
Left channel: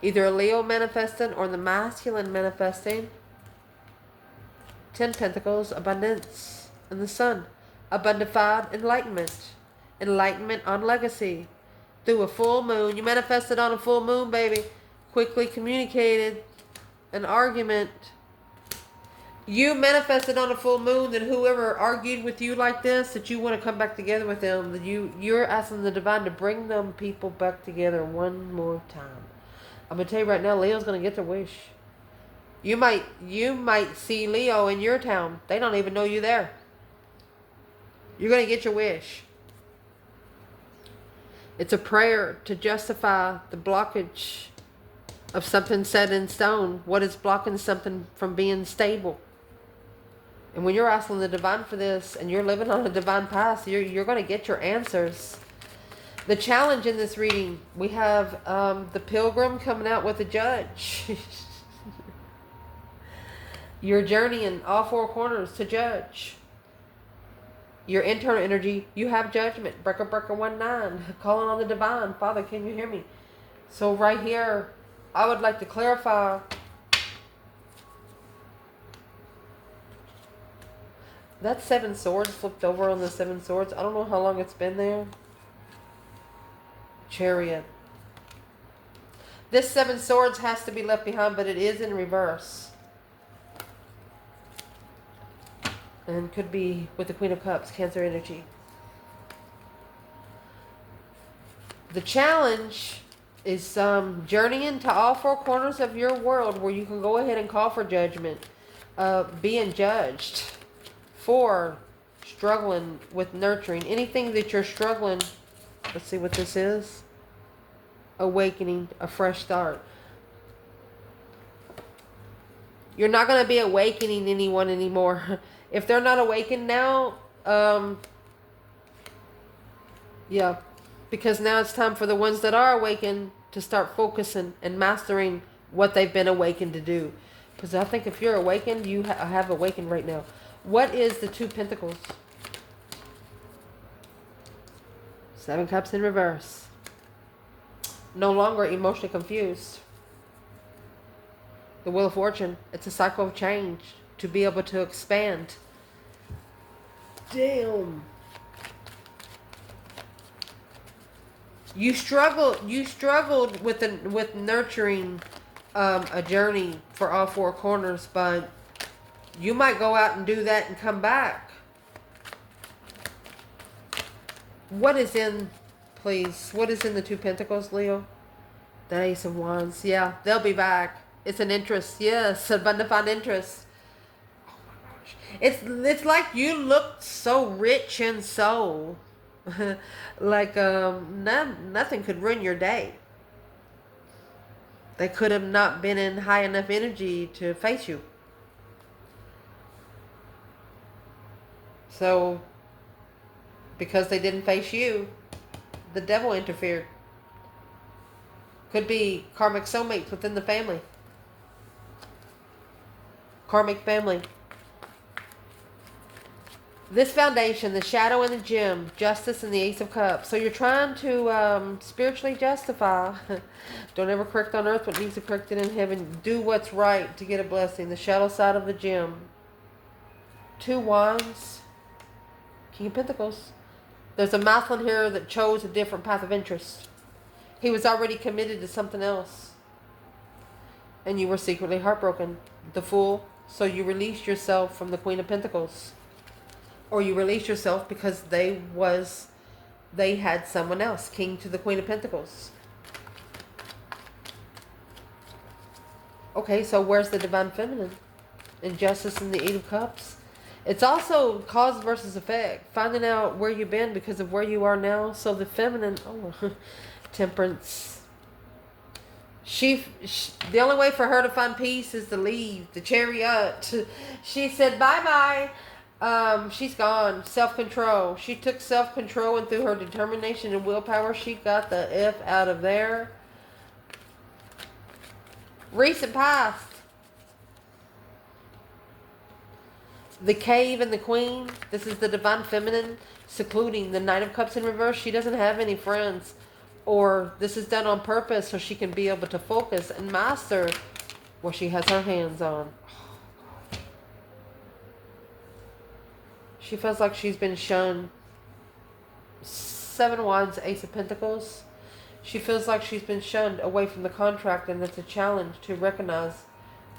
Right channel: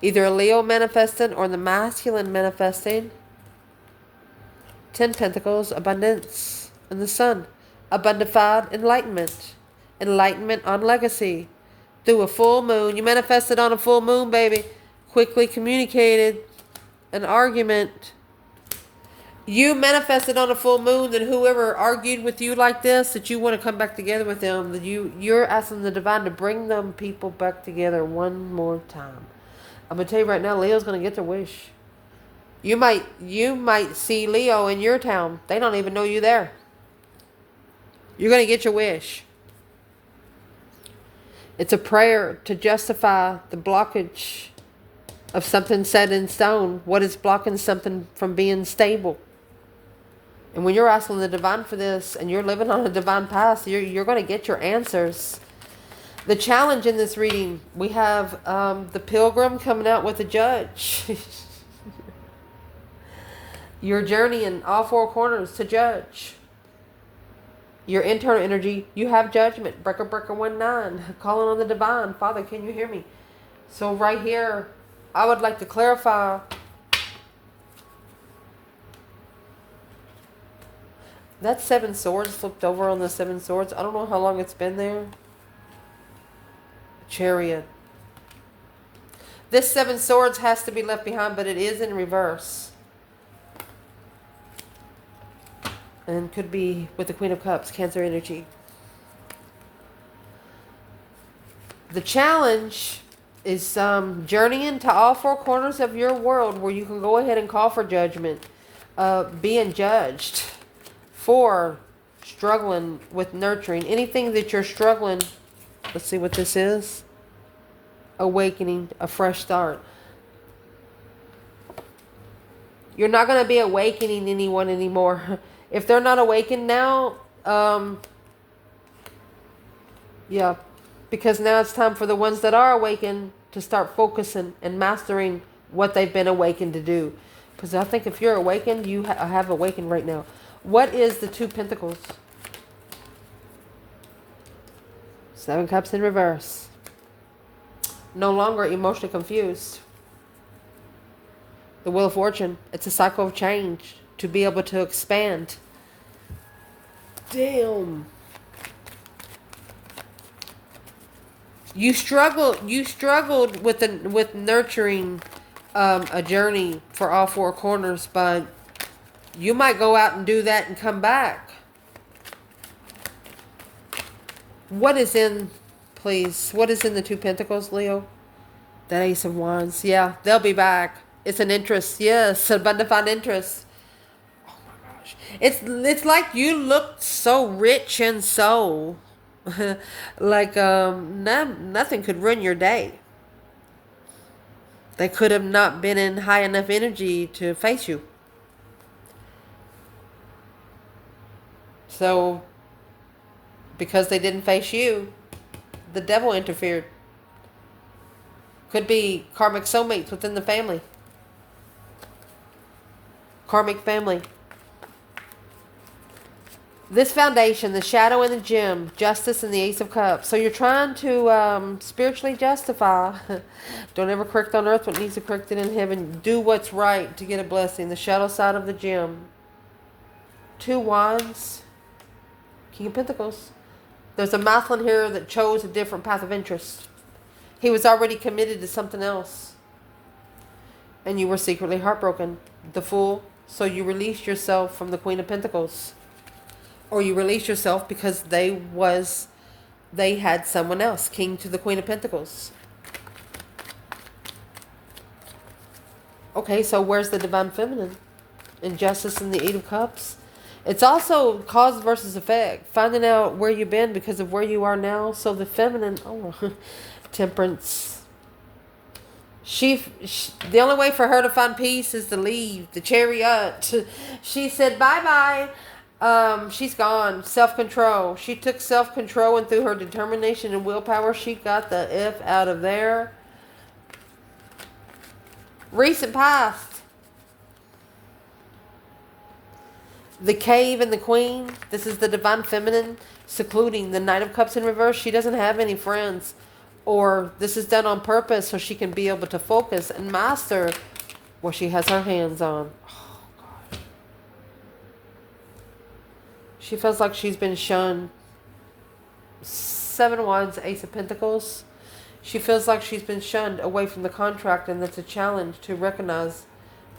Either a Leo manifesting or the masculine manifesting. 10 Pentacles, abundance, and the Sun. Abundified enlightenment. Enlightenment on legacy. Through a full moon. You manifested on a full moon, baby. Quickly communicated an argument. You manifested on a full moon that whoever argued with you like this, that you want to come back together with them, that you're asking the divine to bring them people back together one more time. I'm going to tell you right now, Leo's going to get their wish. You might see Leo in your town. They don't even know you there. You're going to get your wish. It's a prayer to justify the blockage of something set in stone. What is blocking something from being stable? And when you're asking the divine for this and you're living on a divine path, you're going to get your answers. The challenge in this reading, we have the Pilgrim coming out with the Judge. Your journey in all 4 corners to judge. Your internal energy, you have judgment. Breaker 19, calling on the divine. Father, can you hear me? So right here, I would like to clarify. That 7 Swords flipped over on the 7 Swords. I don't know how long it's been there. Chariot. This 7 Swords has to be left behind, but it is in reverse. And could be with the Queen of Cups, Cancer energy. The challenge is journeying to all 4 corners of your world where you can go ahead and call for judgment. Being judged for struggling with nurturing. Anything that you're struggling, let's see what this is. Awakening, a fresh start. You're not going to be awakening anyone anymore. If they're not awakened now, yeah, because now it's time for the ones that are awakened to start focusing and mastering what they've been awakened to do. Because I think if you're awakened, you have awakened right now. What is the 2 Pentacles? 7 Cups in reverse. No longer emotionally confused. The Wheel of Fortune. It's a cycle of change to be able to expand. Damn. You struggled with nurturing a journey for all 4 corners, but you might go out and do that and come back. What is in, please, what is in the 2 Pentacles, Leo? That Ace of Wands. Yeah, they'll be back. It's an interest. Yes, a undefined interest. Oh my gosh. It's like you look so rich in soul. Like nothing could ruin your day. They could have not been in high enough energy to face you. So, because they didn't face you, the devil interfered. Could be karmic soulmates within the family. Karmic family. This foundation, the shadow and the gem, justice and the Ace of Cups. So you're trying to spiritually justify. Don't ever correct on earth what needs to be corrected in heaven. Do what's right to get a blessing. The shadow side of the gem. 2 Wands. King of Pentacles. There's a masculine here that chose a different path of interest. He was already committed to something else. And you were secretly heartbroken. The Fool. So you released yourself from the Queen of Pentacles. Or you released yourself because they had someone else. King to the Queen of Pentacles. Okay, so where's the divine feminine? Injustice in the Eight of Cups. It's also cause versus effect. Finding out where you've been because of where you are now. So the feminine, temperance. The only way for her to find peace is to leave the chariot. She said bye bye. She's gone. Self control. She took self control, and through her determination and willpower, she got the F out of there. Recent past. The cave and the queen. This is the divine feminine secluding. The Knight of Cups in reverse. She doesn't have any friends. Or this is done on purpose so she can be able to focus and master what she has her hands on. She feels like she's been shunned. 7 Wands, Ace of Pentacles. She feels like she's been shunned away from the contract, and that's a challenge to recognize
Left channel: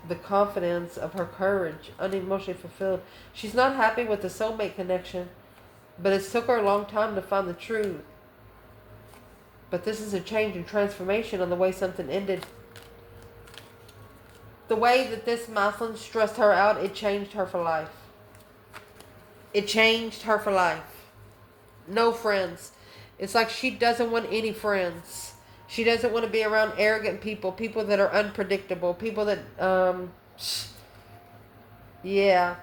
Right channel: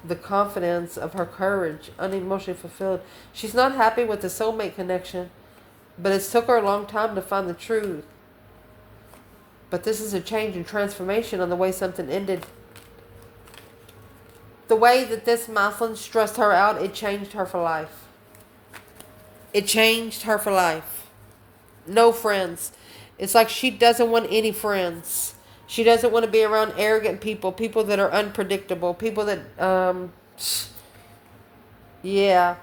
the confidence of her courage, unemotionally fulfilled. She's not happy with the soulmate connection, but it's took her a long time to find the truth. But this is a change and transformation on the way something ended. The way that this masculine stressed her out, it changed her for life. It changed her for life. No friends. It's like she doesn't want any friends. She doesn't want to be around arrogant people, people that are unpredictable, people that, yeah.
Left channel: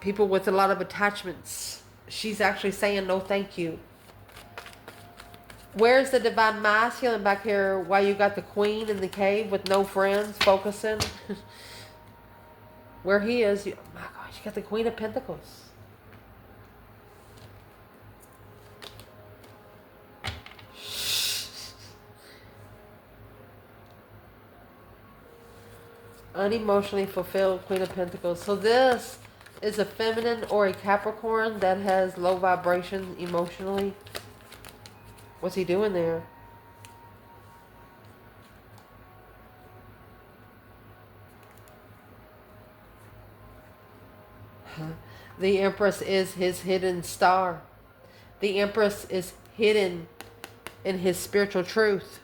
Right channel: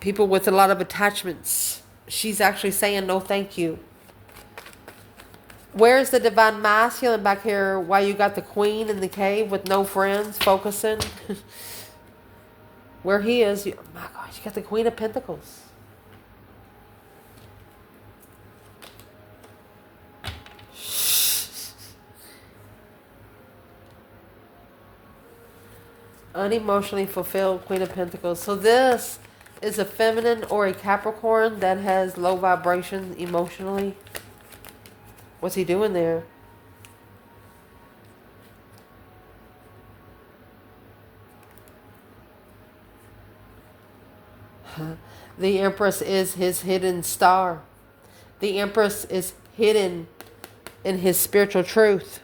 People with a lot of attachments. She's actually saying no thank you. Where's the divine masculine back here? Why you got the queen in the cave with no friends focusing? Where he is, oh my gosh, you got the Queen of Pentacles. Unemotionally fulfilled Queen of Pentacles. So this is a feminine or a Capricorn that has low vibration emotionally. What's he doing there? The Empress is his hidden star. The Empress is hidden in his spiritual truth.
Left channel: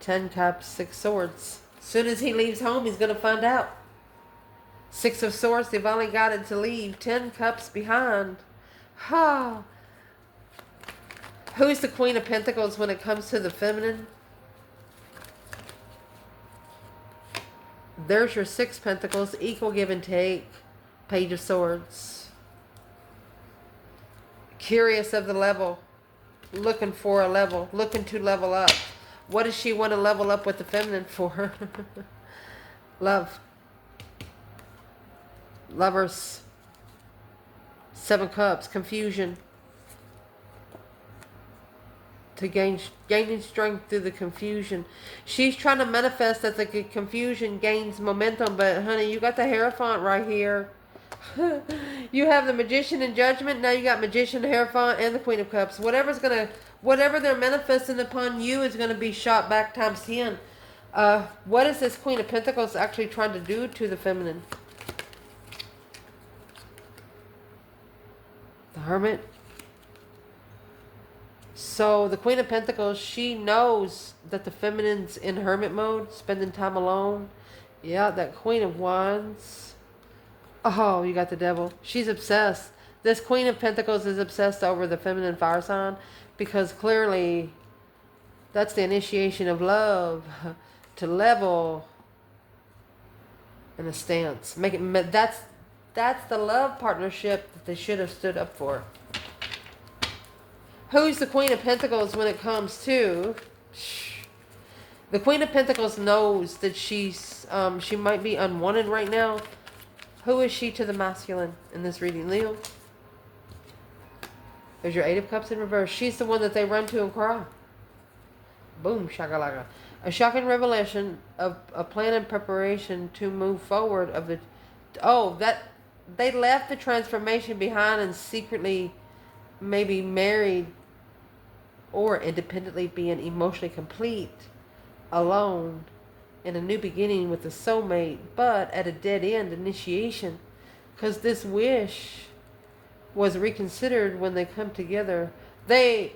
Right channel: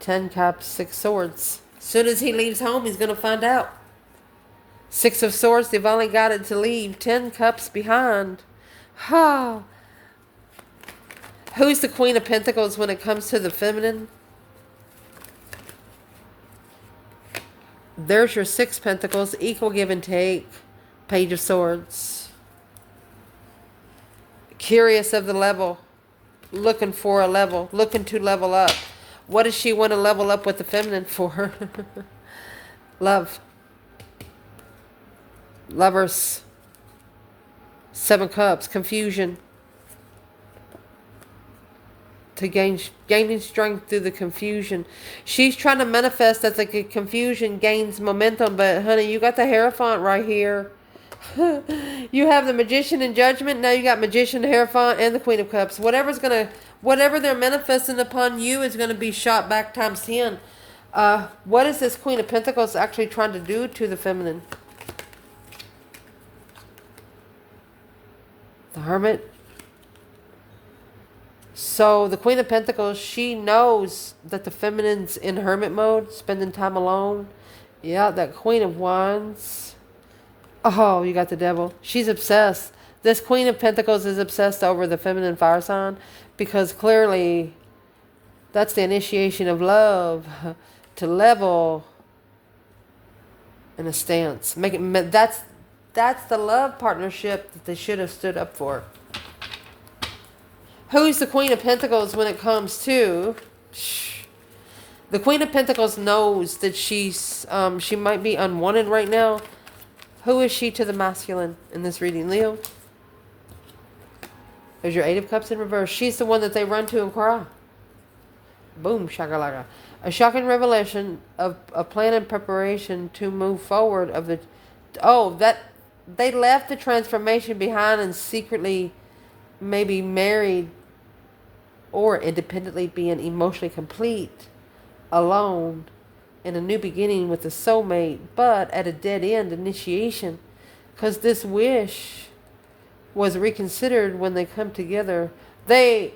10 Cups, 6 Swords. As soon as he leaves home, he's going to find out. 6 of Swords, they've only got it to leave. 10 Cups behind. Oh. Who's the Queen of Pentacles when it comes to the feminine? There's your 6 Pentacles, equal give and take. Page of Swords. Curious of the level. Looking for a level. Looking to level up. What does she want to level up with the feminine for? Love. Lovers. 7 Cups. Confusion. To gaining strength through the confusion. She's trying to manifest that the confusion gains momentum, but honey, you got the Hierophant right here. You have the Magician and Judgment. Now you got Magician, Hierophant, and the Queen of Cups. Whatever they're manifesting upon you is gonna be shot back times 10. What is this Queen of Pentacles actually trying to do to the feminine? The Hermit. So the Queen of Pentacles, she knows that the feminine's in hermit mode, spending time alone. Yeah, that Queen of Wands. Oh, you got the Devil. She's obsessed. This Queen of Pentacles is obsessed over the feminine fire sign because clearly that's the initiation of love to level in a stance. That's the love partnership that they should have stood up for. Who's the Queen of Pentacles when it comes to... The Queen of Pentacles knows that she might be unwanted right now. Who is she to the masculine in this reading? Leo? There's your 8 of Cups in reverse. She's the one that they run to and cry. Boom, shakalaka. A shocking revelation of a plan and preparation to move forward of the... Oh, that... They left the transformation behind and secretly maybe married or independently being emotionally complete, alone, in a new beginning with a soulmate, but at a dead end initiation. Because this wish was reconsidered when they come together. They,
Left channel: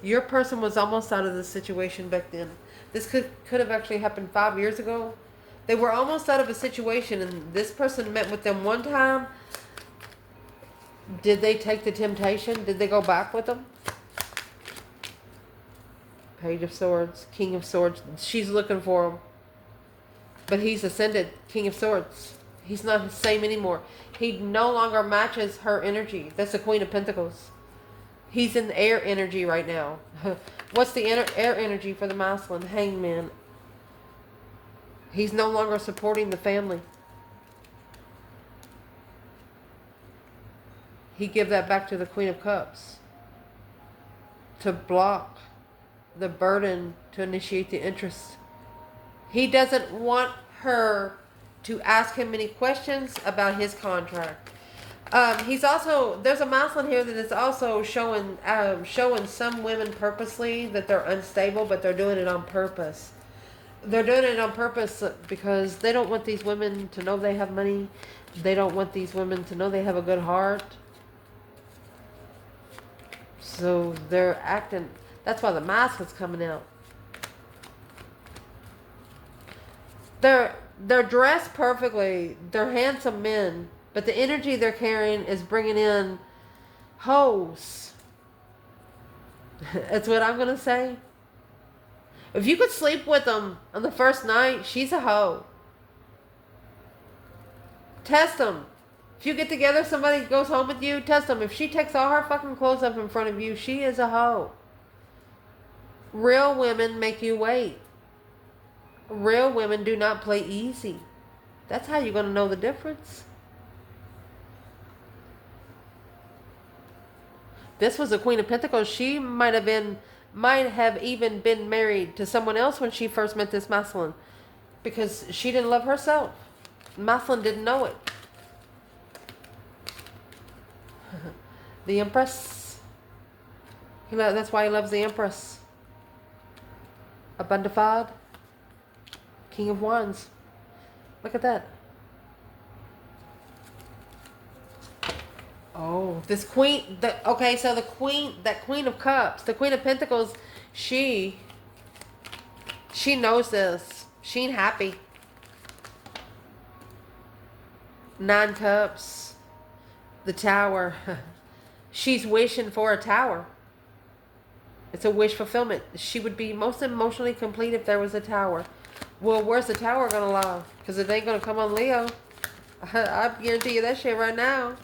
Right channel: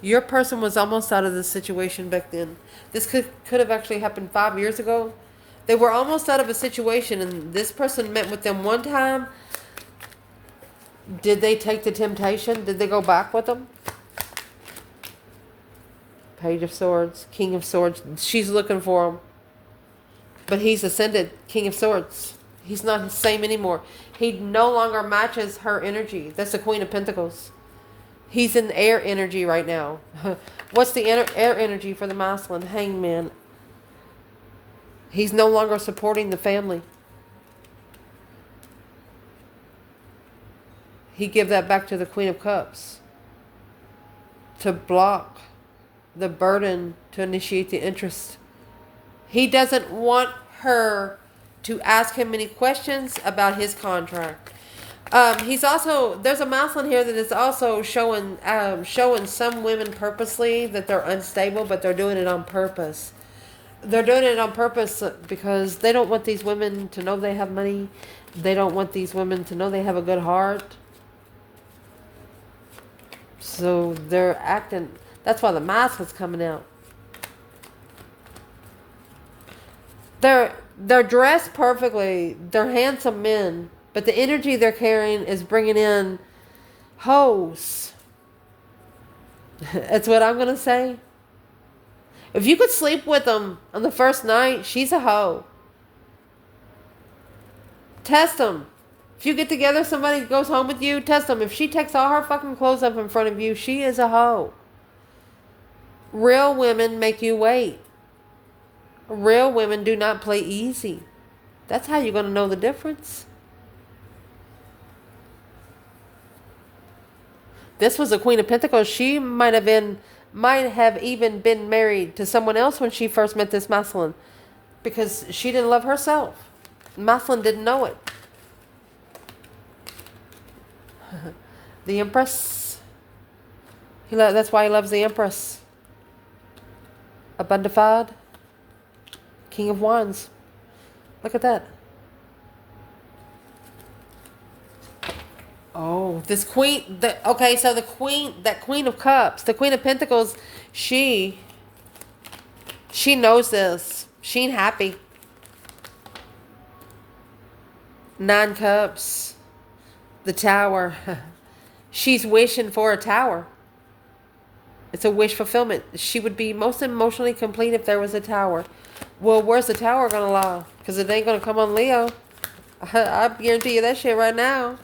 your person was almost out of the situation back then. This could have actually happened 5 years ago. They were almost out of a situation, and this person met with them one time. Did they take the temptation? Did they go back with them? Page of Swords, King of Swords. She's looking for him. But he's ascended, King of Swords. He's not the same anymore. He no longer matches her energy. That's the Queen of Pentacles. He's in air energy right now. What's the air energy for the masculine? Hangman. He's no longer supporting the family. He give that back to the Queen of Cups. To block the burden, to initiate the interest. He doesn't want her to ask him any questions about his contract. He's also, there's a masculine here that is also showing some women purposely that they're unstable, but they're doing it on purpose. They're doing it on purpose because they don't want these women to know they have money. They don't want these women to know they have a good heart. So they're acting, that's why the mask is coming out. They're dressed perfectly. They're handsome men. But the energy they're carrying is bringing in hoes. That's what I'm going to say. If you could sleep with them on the first night, she's a hoe. Test them. If you get together, somebody goes home with you, test them. If she takes all her fucking clothes off in front of you, she is a hoe. Real women make you wait. Real women do not play easy. That's how you're going to know the difference. This was a Queen of Pentacles. She might have even been married to someone else when she first met this masculine, because she didn't love herself. Masculine didn't know it. The Empress. That's why he loves the Empress. Abundified. King of Wands. Look at that. Oh, this queen. Okay, so that Queen of Cups, the Queen of Pentacles, she knows this. She ain't happy. 9 Cups. The Tower. She's wishing for a tower. It's a wish fulfillment. She would be most emotionally complete if there was a tower. Well, where's the tower going to lie? Because it ain't going to come on Leo. I guarantee you that shit right now.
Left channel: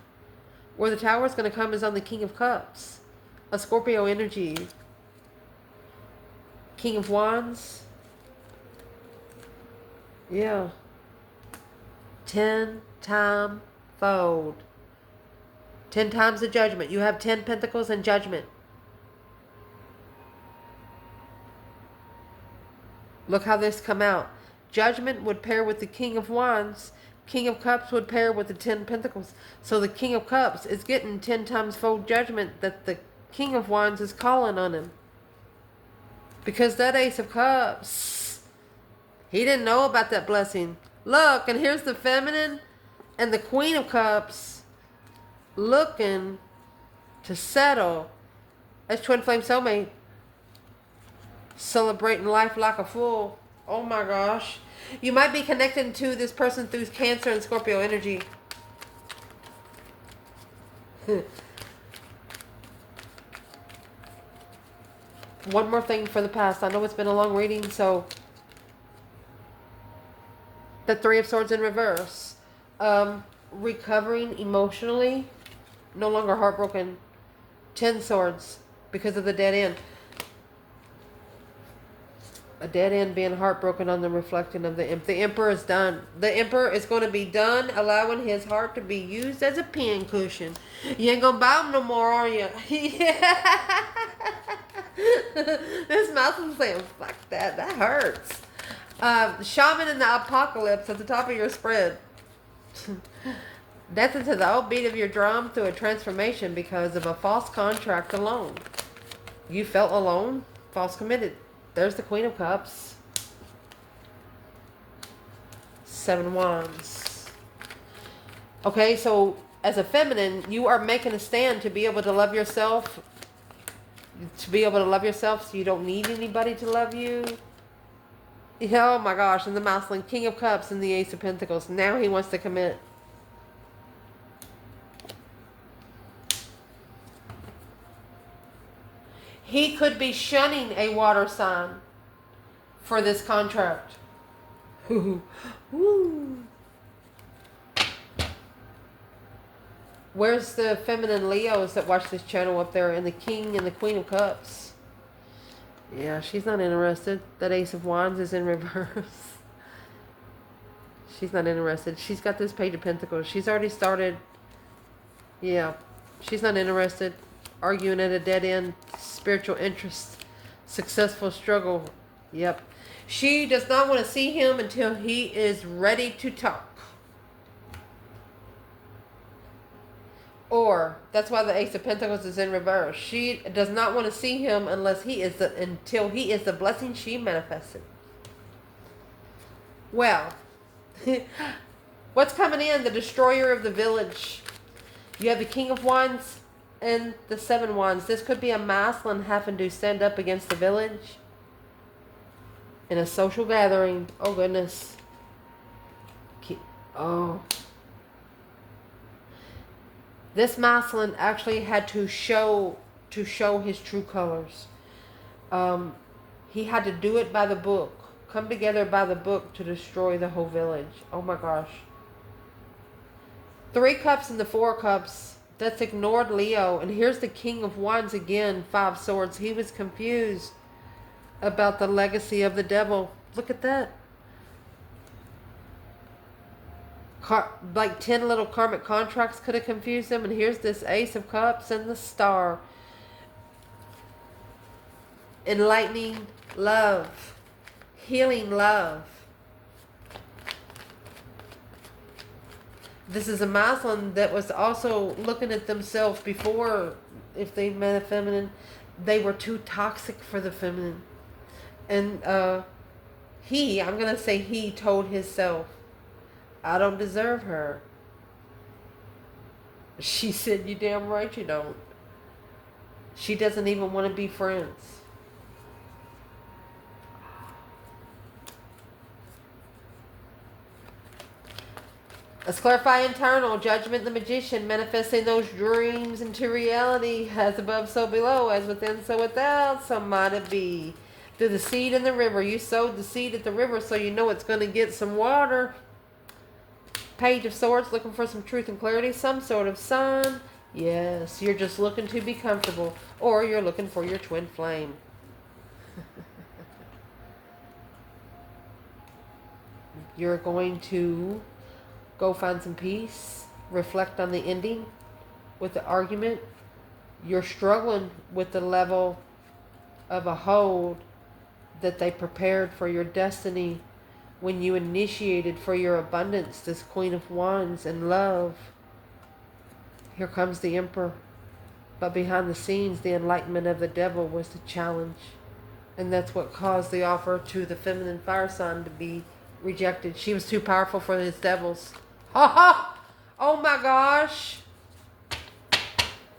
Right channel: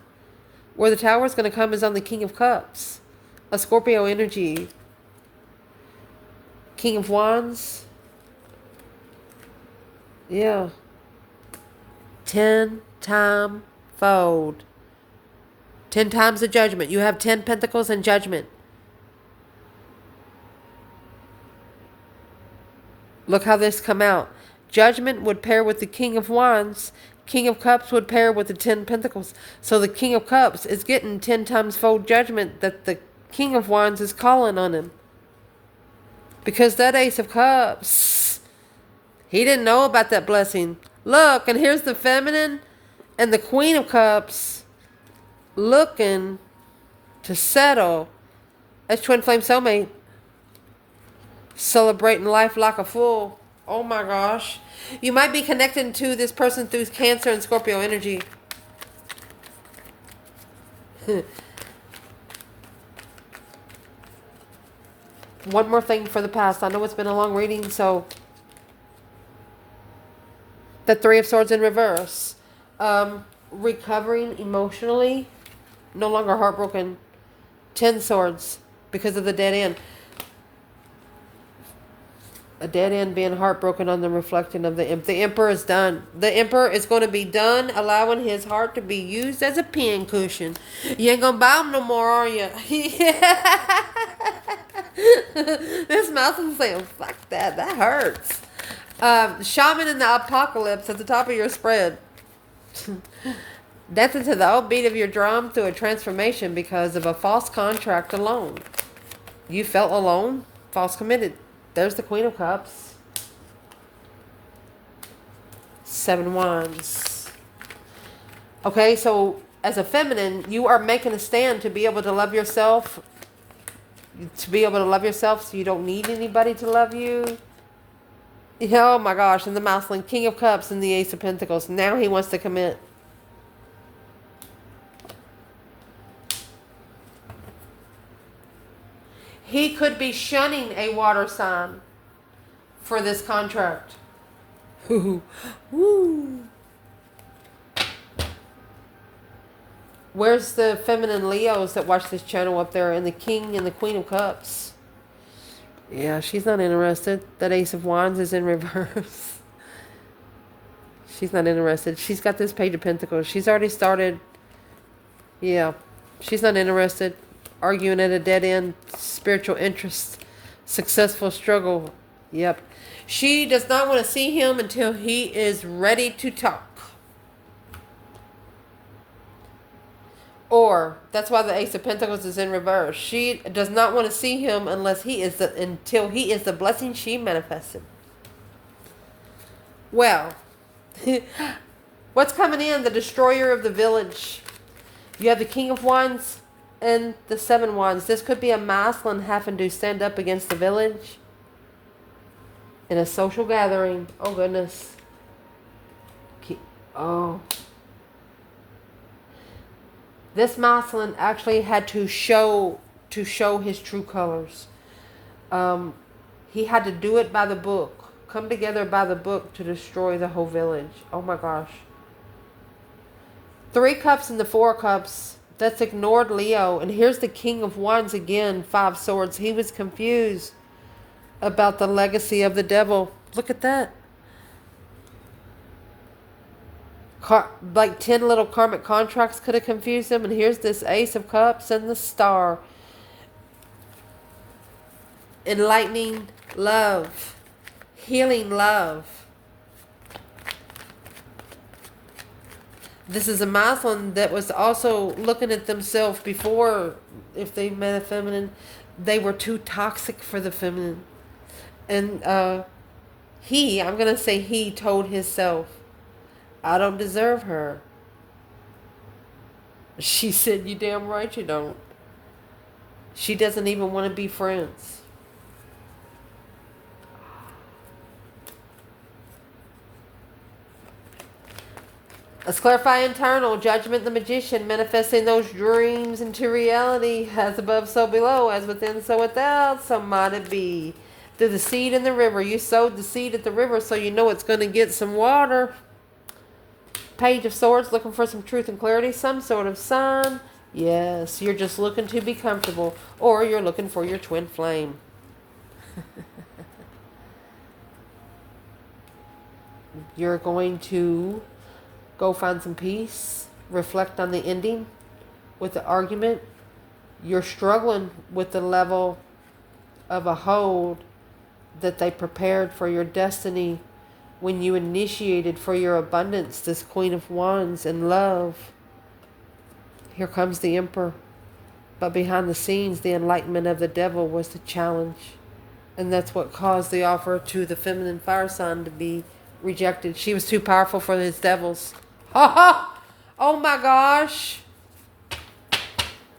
Where the tower is going to come is on the King of Cups. A Scorpio energy. King of Wands. Yeah. 10-time fold. 10 times the judgment. You have 10 pentacles and judgment. Look how this come out. Judgment would pair with the King of Wands. King of Cups would pair with the 10 Pentacles. So the King of Cups is getting 10 times fold judgment that the King of Wands is calling on him. Because that Ace of Cups, he didn't know about that blessing. Look, and here's the feminine and the Queen of Cups looking to settle. That's twin flame soulmate. Celebrating life like a fool. Oh my gosh. You might be connecting to this person through Cancer and Scorpio energy. One more thing for the past. I know it's been a long reading, so the 3 of Swords in reverse. Recovering emotionally. No longer heartbroken. 10 Swords because of the dead end. A dead end being heartbroken on the reflecting of the Emperor. The Emperor is done. The Emperor is going to be done allowing his heart to be used as a pin cushion. You ain't going to buy him no more, are you? This mouth is saying, fuck that. That hurts. Shaman in the Apocalypse at the top of your spread. Death into the old beat of your drum through a transformation because of a false contract alone. You felt alone, false committed. There's the Queen of Cups. 7 Wands. Okay, so as a feminine, you are making a stand to be able to love yourself. To be able to love yourself so you don't need anybody to love you. Oh my gosh, and the masculine, King of Cups and the Ace of Pentacles. Now he wants to commit. He could be shunning a water sign for this contract. Woo. Where's the feminine Leos that watch this channel up there, and the King and the Queen of Cups? Yeah, she's not interested. That Ace of Wands is in reverse. She's not interested. She's got this Page of Pentacles. She's already started. Yeah, she's not interested. Arguing at a dead end. Spiritual interest. Successful struggle. Yep. She does not want to see him until he is ready to talk. Or, that's why the Ace of Pentacles is in reverse. She does not want to see him until he is the blessing she manifested. Well, what's coming in? The destroyer of the village. You have the King of Wands and the Seven Wands. This could be a masculine having to stand up against the village in a social gathering. Oh, goodness. Oh. This masculine actually had to show his true colors. He had to do it by the book. Come together by the book to destroy the whole village. Oh my gosh. 3 cups and the 4 cups. That's ignored Leo. And here's the King of Wands again. 5 swords. He was confused about the legacy of the devil. Look at that. Like 10 little karmic contracts could have confused him. And here's this Ace of Cups and the Star. Enlightening love. Healing love. This is a masculine that was also looking at themselves before, if they met a feminine, they were too toxic for the feminine. And I'm going to say he told himself, I don't deserve her. She said, you damn right you don't. She doesn't even want to be friends. Let's clarify internal. Judgment, the magician, manifesting those dreams into reality. As above, so below. As within, so without. So might it be. Through the seed in the river. You sowed the seed at the river, so you know it's going to get some water. Page of Swords, looking for some truth and clarity. Some sort of sign. Yes, you're just looking to be comfortable. Or you're looking for your twin flame. You're going to go find some peace. Reflect on the ending with the argument. You're struggling with the level of a hold that they prepared for your destiny when you initiated for your abundance, this Queen of Wands and love. Here comes the Emperor. But behind the scenes, the enlightenment of the devil was the challenge. And that's what caused the offer to the feminine fire sign to be rejected. She was too powerful for his devils. Oh my gosh.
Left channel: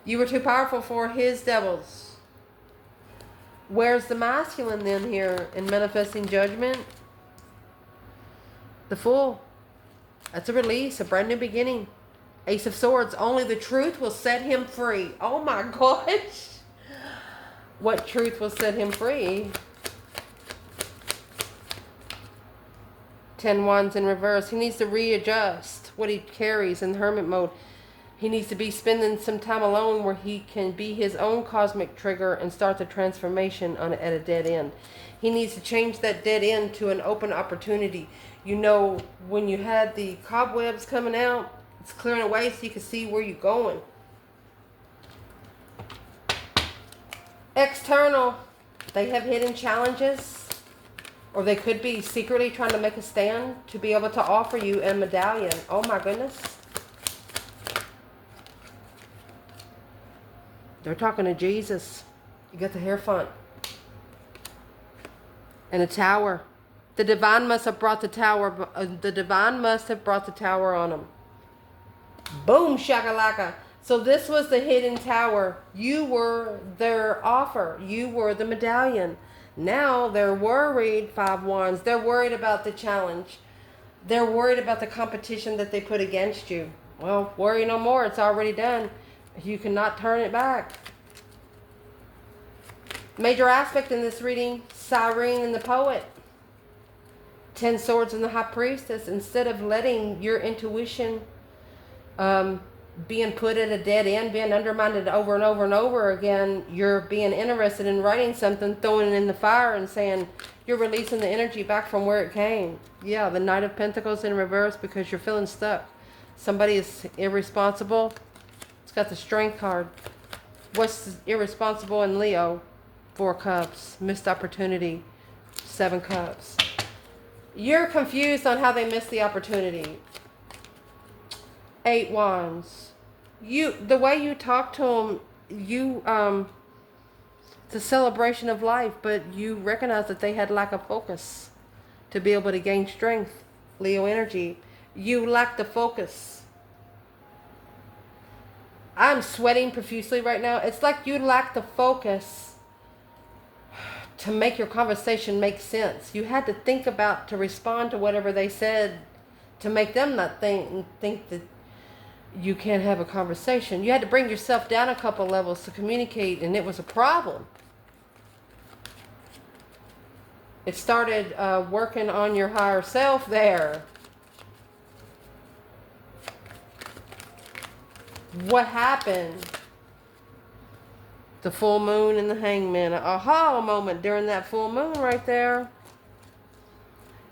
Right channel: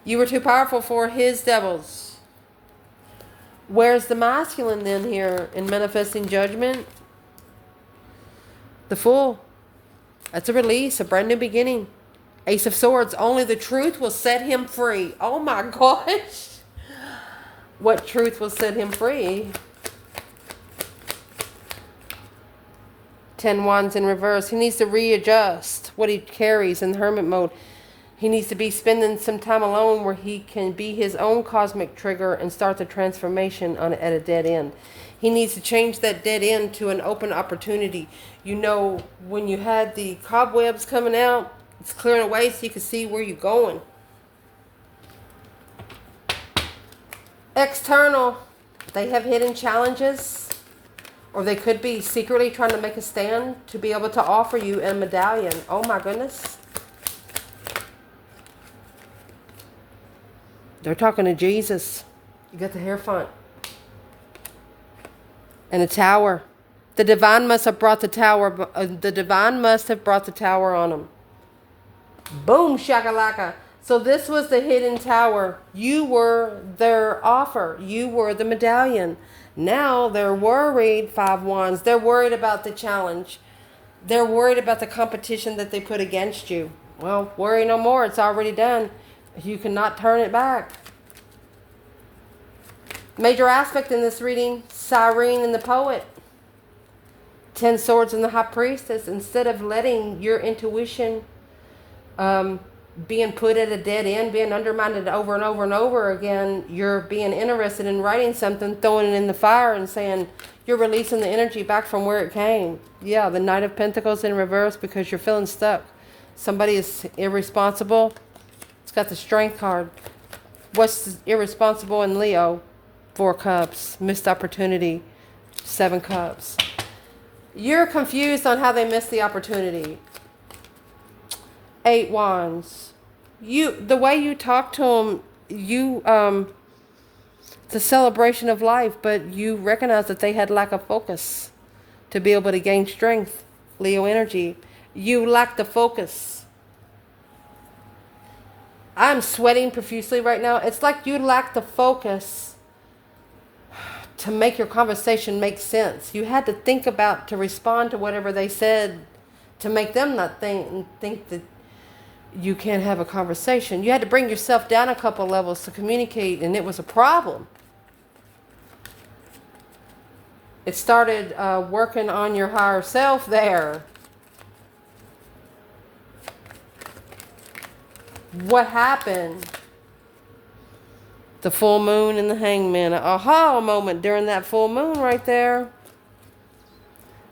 You were too powerful for his devils. Where's the masculine then here in manifesting judgment? The Fool. That's a release, a brand new beginning. Ace of Swords. Only the truth will set him free. Oh my gosh. What truth will set him free? 10 Wands in reverse. He needs to readjust what he carries in hermit mode. He needs to be spending some time alone where he can be his own cosmic trigger and start the transformation at a dead end. He needs to change that dead end to an open opportunity. You know, when you had the cobwebs coming out, it's clearing away so you can see where you're going. External. They have hidden challenges. Or they could be secretly trying to make a stand to be able to offer you a medallion. Oh my goodness. They're talking to Jesus. You got the Hierophant. And a tower. The divine must have brought the tower. The divine must have brought the tower on them. Boom, shakalaka. So this was the hidden tower. You were their offer. You were the medallion. Now they're worried, 5 wands. They're worried about the challenge. They're worried about the competition that they put against you. Well, worry no more. It's already done. You cannot turn it back. Major aspect in this reading, Siren and the Poet. 10 Swords and the High Priestess. Instead of letting your intuition being put at a dead end, being undermined over and over and over again, you're being interested in writing something, throwing it in the fire and saying you're releasing the energy back from where it came. Yeah, the Knight of Pentacles in reverse because you're feeling stuck. Somebody is irresponsible. It's got the Strength card. What's irresponsible in Leo? 4 Cups. Missed opportunity. 7 Cups. You're confused on how they missed the opportunity. 8 Wands. The way you talk to them, it's a celebration of life, but you recognize that they had lack of focus to be able to gain strength. Leo energy. You lack the focus. I'm sweating profusely right now. It's like you lack the focus to make your conversation make sense. You had to think about to respond to whatever they said to make them not think that you can't have a conversation. You had to bring yourself down a couple levels to communicate, and it was a problem. It started working on your higher self there. What happened? The full moon and the hangman. An aha moment during that full moon right there.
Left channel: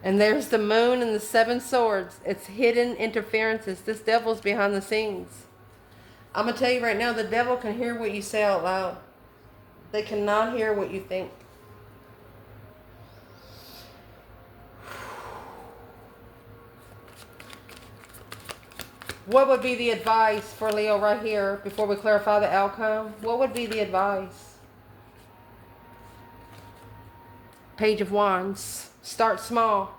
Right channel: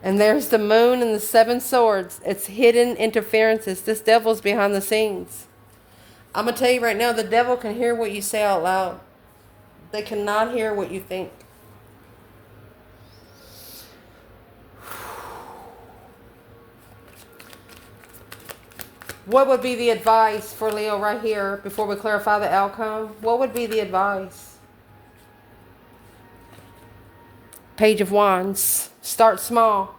And there's the moon and the 7 swords. It's hidden interferences. This devil's behind the scenes. I'm going to tell you right now, the devil can hear what you say out loud. They cannot hear what you think. What would be the advice for Leo right here before we clarify the outcome? What would be the advice? Page of Wands. Start small.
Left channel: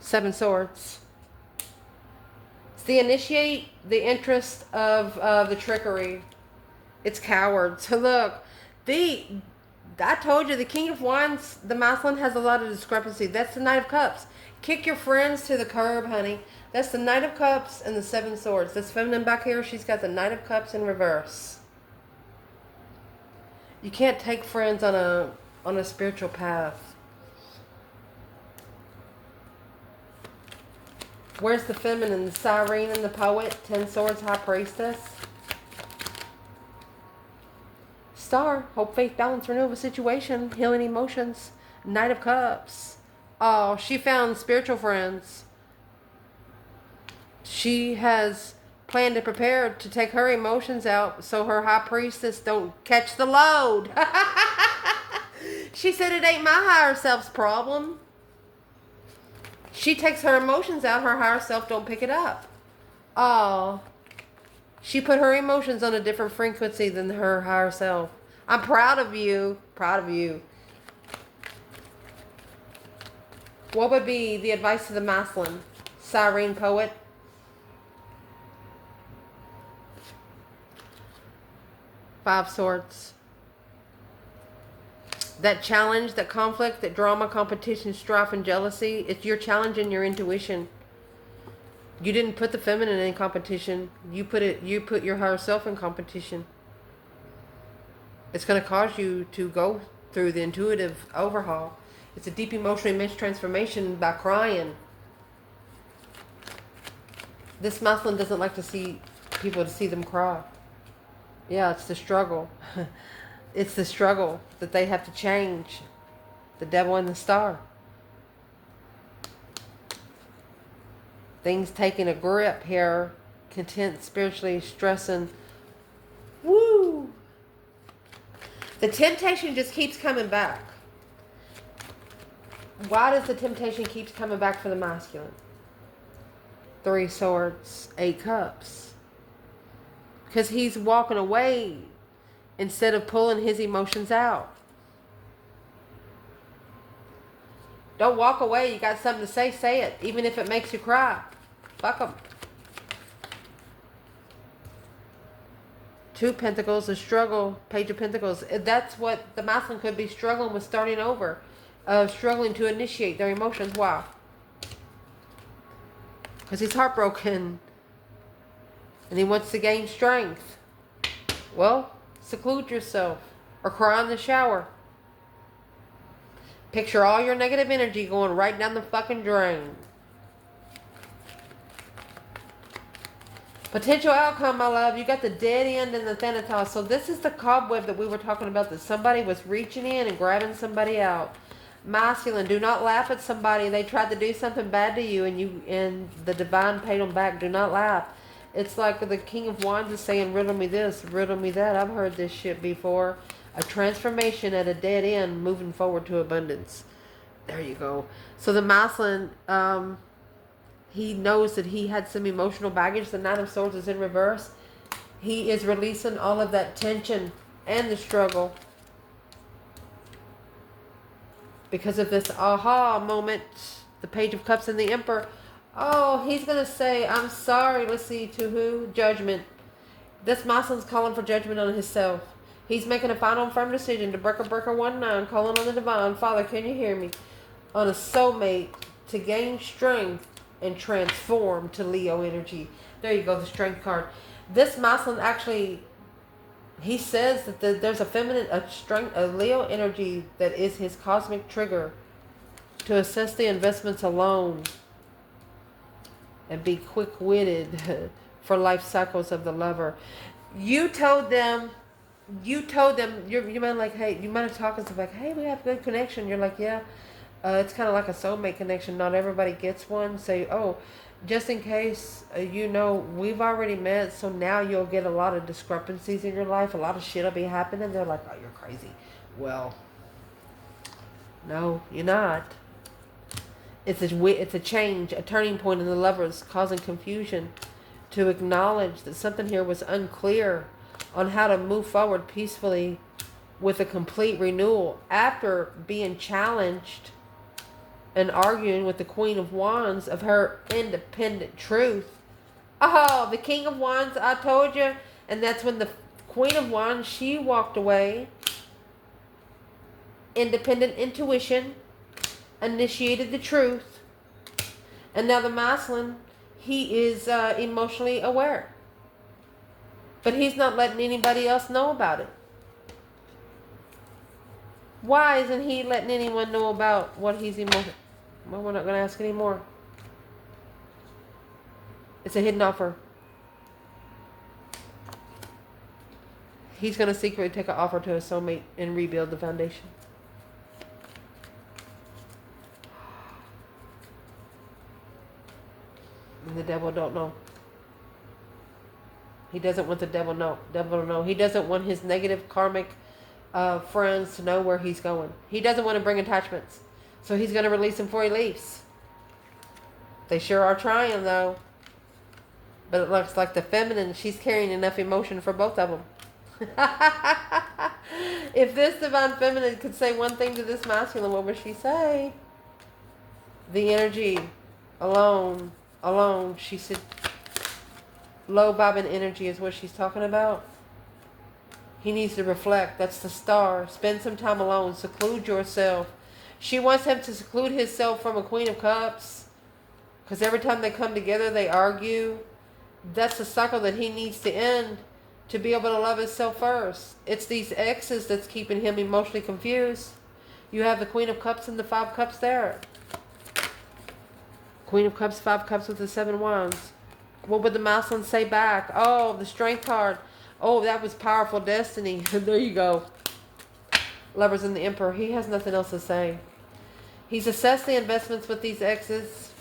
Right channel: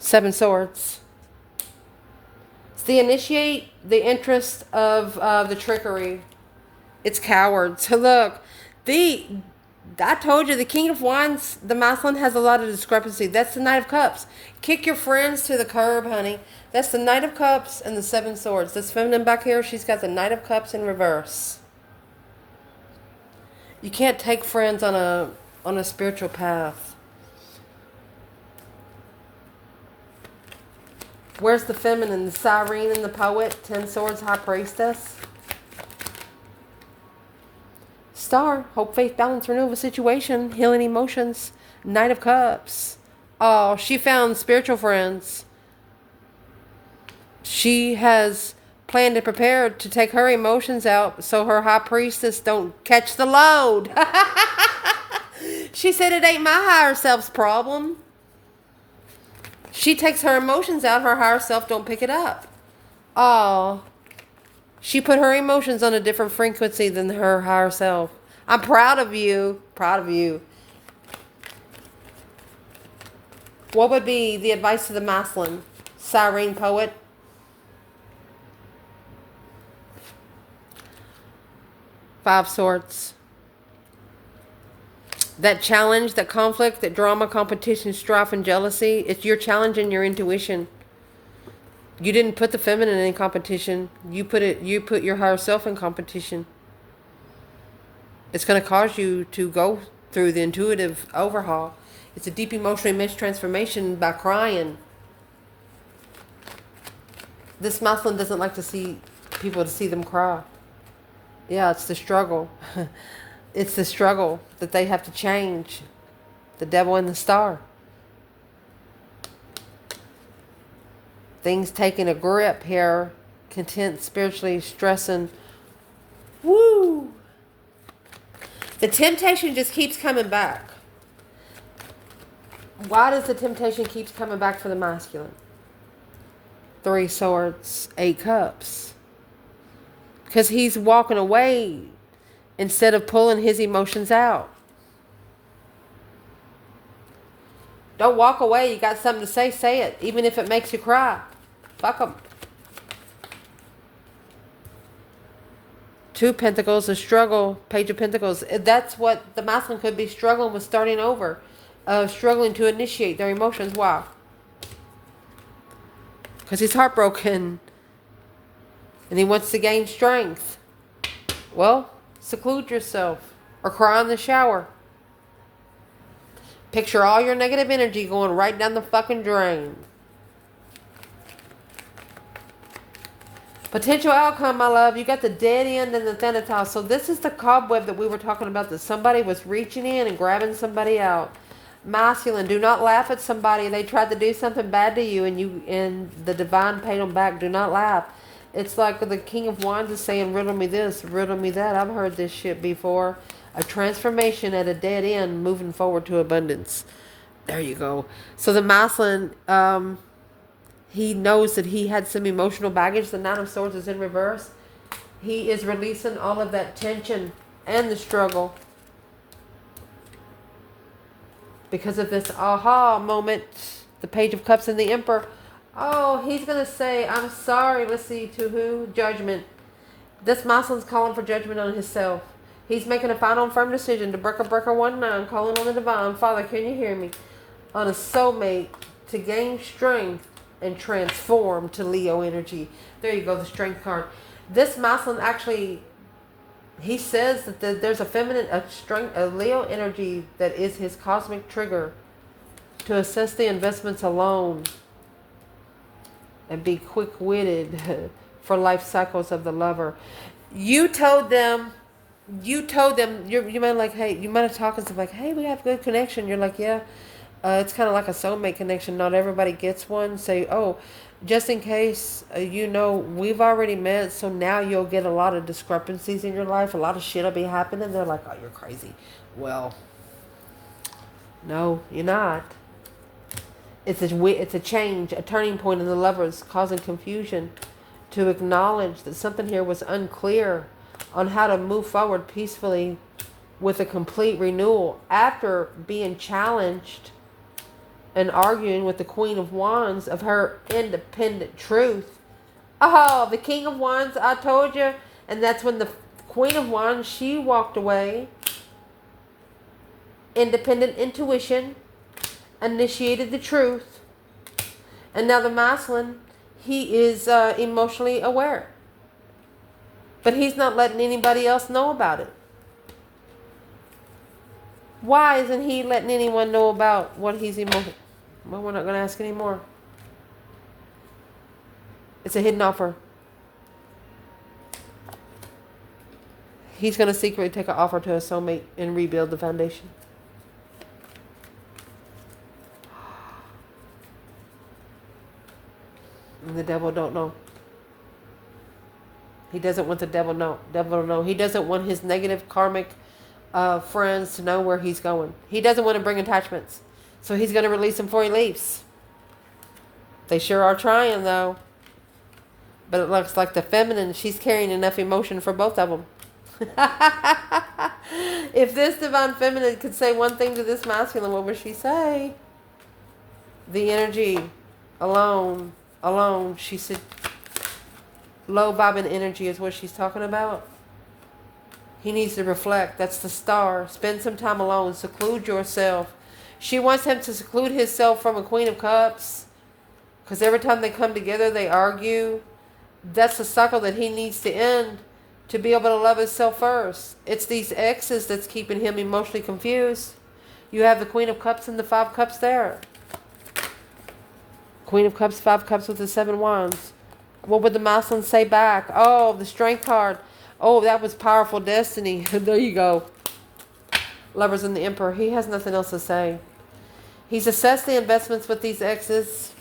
7 Swords. It's the initiate the interest of the trickery. It's cowards. Look, I told you the King of Wands, the masculine, has a lot of discrepancy. That's the Knight of Cups. Kick your friends to the curb, honey. That's the Knight of Cups and the 7 Swords. This feminine back here, she's got the Knight of Cups in reverse. You can't take friends on a spiritual path. Where's the feminine? The Siren and the Poet. 10 Swords, High Priestess. Star. Hope, faith, balance, renewal of a situation. Healing emotions. Knight of Cups. Oh, she found spiritual friends. She has planned and prepared to take her emotions out so her high priestess don't catch the load. She said it ain't my higher self's problem. She takes her emotions out, her higher self don't pick it up. Oh, she put her emotions on a different frequency than her higher self. I'm proud of you. Proud of you. What would be the advice to the masculine? Siren, Poet. Five Swords. That challenge, that conflict, that drama, competition, strife, and jealousy, it's your challenge and your intuition. You didn't put the feminine in competition. You put your higher self in competition. It's going to cause you to go through the intuitive overhaul. It's a deep emotional image transformation by crying. This masculine doesn't like to see people to see them cry. Yeah, it's the struggle. It's the struggle that they have to change. The devil and the star. Things taking a grip here. Content, spiritually, stressing. Woo! The temptation just keeps coming back. Why does the temptation keep coming back for the masculine? 3 Swords, 8 Cups. Because he's walking away instead of pulling his emotions out. Don't walk away. You got something to say, say it. Even if it makes you cry. Fuck them. Two Pentacles, a struggle. Page of Pentacles. That's what the masculine could be struggling with, starting over. Struggling to initiate their emotions. Wow. Because he's heartbroken. And he wants to gain strength. Well, seclude yourself. Or cry in the shower. Picture all your negative energy going right down the fucking drain. Potential outcome, my love. You got the dead end and the Thanatos. So this is the cobweb that we were talking about, that somebody was reaching in and grabbing somebody out. Masculine, do not laugh at somebody. They tried to do something bad to you and the divine paid them back. Do not laugh. It's like the King of Wands is saying, riddle me this, riddle me that. I've heard this shit before. A transformation at a dead end, moving forward to abundance. There you go. So the masculine, he knows that he had some emotional baggage. The Nine of Swords is in reverse. He is releasing all of that tension and the struggle because of this aha moment. The Page of Cups and the Emperor. Oh, he's going to say, I'm sorry. Let's see, to who? Judgment. This masculine's calling for judgment on himself. He's making a final and firm decision to breaker 19, calling on the divine. Father, can you hear me? On a soulmate to gain strength and transform to Leo energy. There you go, the Strength card. This masculine actually, he says that there's a feminine, a Leo energy that is his cosmic trigger to assess the investments alone and be quick-witted for life cycles of the lover. You told them, you might like, hey, you might have talked to them like, hey, we have good connection. You're like, yeah. It's kind of like a soulmate connection. Not everybody gets one. Say, oh, just in case, we've already met, so now you'll get a lot of discrepancies in your life. A lot of shit will be happening. They're like, oh, you're crazy. Well, no, you're not. It's a change, a turning point in the lovers, causing confusion, to acknowledge that something here was unclear on how to move forward peacefully with a complete renewal after being challenged and arguing with the Queen of Wands of her independent truth. Oh, the King of Wands, I told you. And that's when the Queen of Wands, she walked away. Independent intuition, initiated the truth. And now the masculine, he is emotionally aware. But he's not letting anybody else know about it. Why isn't he letting anyone know about what he's emotional? Well, we're not going to ask anymore. It's a hidden offer. He's going to secretly take an offer to a soulmate and rebuild the foundation. And the devil don't know. He doesn't want the devil to know. He doesn't want his negative karmic friends to know where he's going. He doesn't want to bring attachments. So he's going to release him before he leaves. They sure are trying, though. But it looks like the feminine, she's carrying enough emotion for both of them. If this divine feminine could say one thing to this masculine, what would she say? The energy alone, she said, low vibing energy is what she's talking about. He needs to reflect. That's the star. Spend some time alone. Seclude yourself. She wants him to seclude himself from a Queen of Cups. Because every time they come together, they argue. That's the cycle that he needs to end to be able to love himself first. It's these exes that's keeping him emotionally confused. You have the Queen of Cups and the Five Cups there. Queen of Cups, Five Cups with the Seven Wands. What would the masculine say back? Oh, the Strength card. Oh, that was powerful destiny. There you go. Lovers and the Emperor. He has nothing else to say. He's assessed the investments with these exes.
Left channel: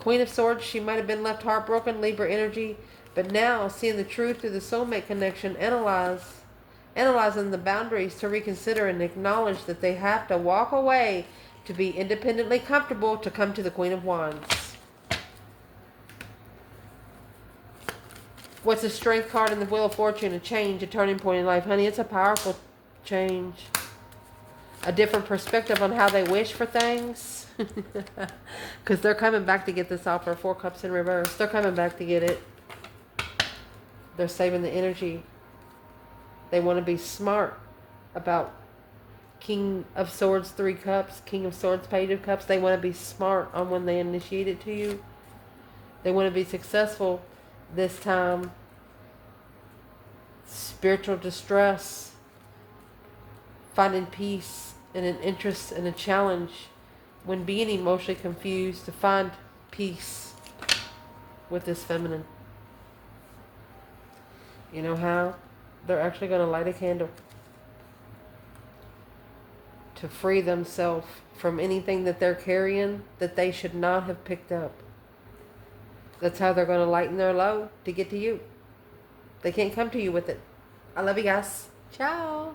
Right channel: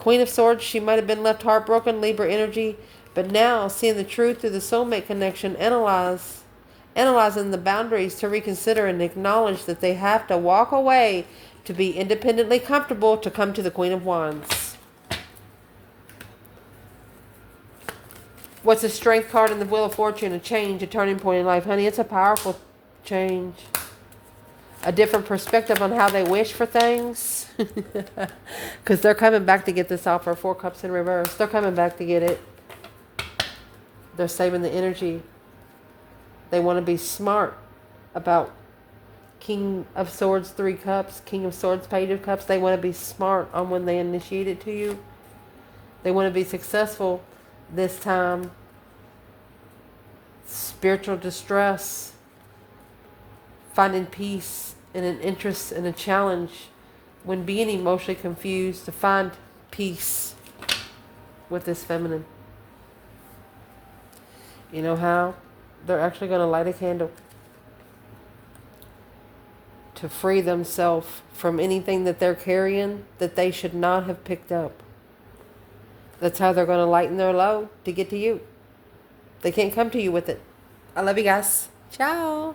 Queen of Swords, she might have been left heartbroken, Libra energy. But now, seeing the truth through the soulmate connection, analyzing the boundaries to reconsider and acknowledge that they have to walk away to be independently comfortable to come to the Queen of Wands. What's the Strength card in the Wheel of Fortune? A change, a turning point in life. Honey, it's a powerful change. a different perspective on how they wish for things. Because they're coming back to get this offer. 4 Cups in reverse. They're coming back to get it. They're saving the energy. They want to be smart about King of Swords, 3 Cups, King of Swords, Page of Cups. They want to be smart on when they initiate it to you. They want to be successful this time. Spiritual distress. Finding peace in an interest and a challenge when being emotionally confused, to find peace with this feminine. You know how? They're actually going to light a candle to free themselves from anything that they're carrying that they should not have picked up. That's how they're going to lighten their load to get to you. They can't come to you with it. I love you guys. Ciao.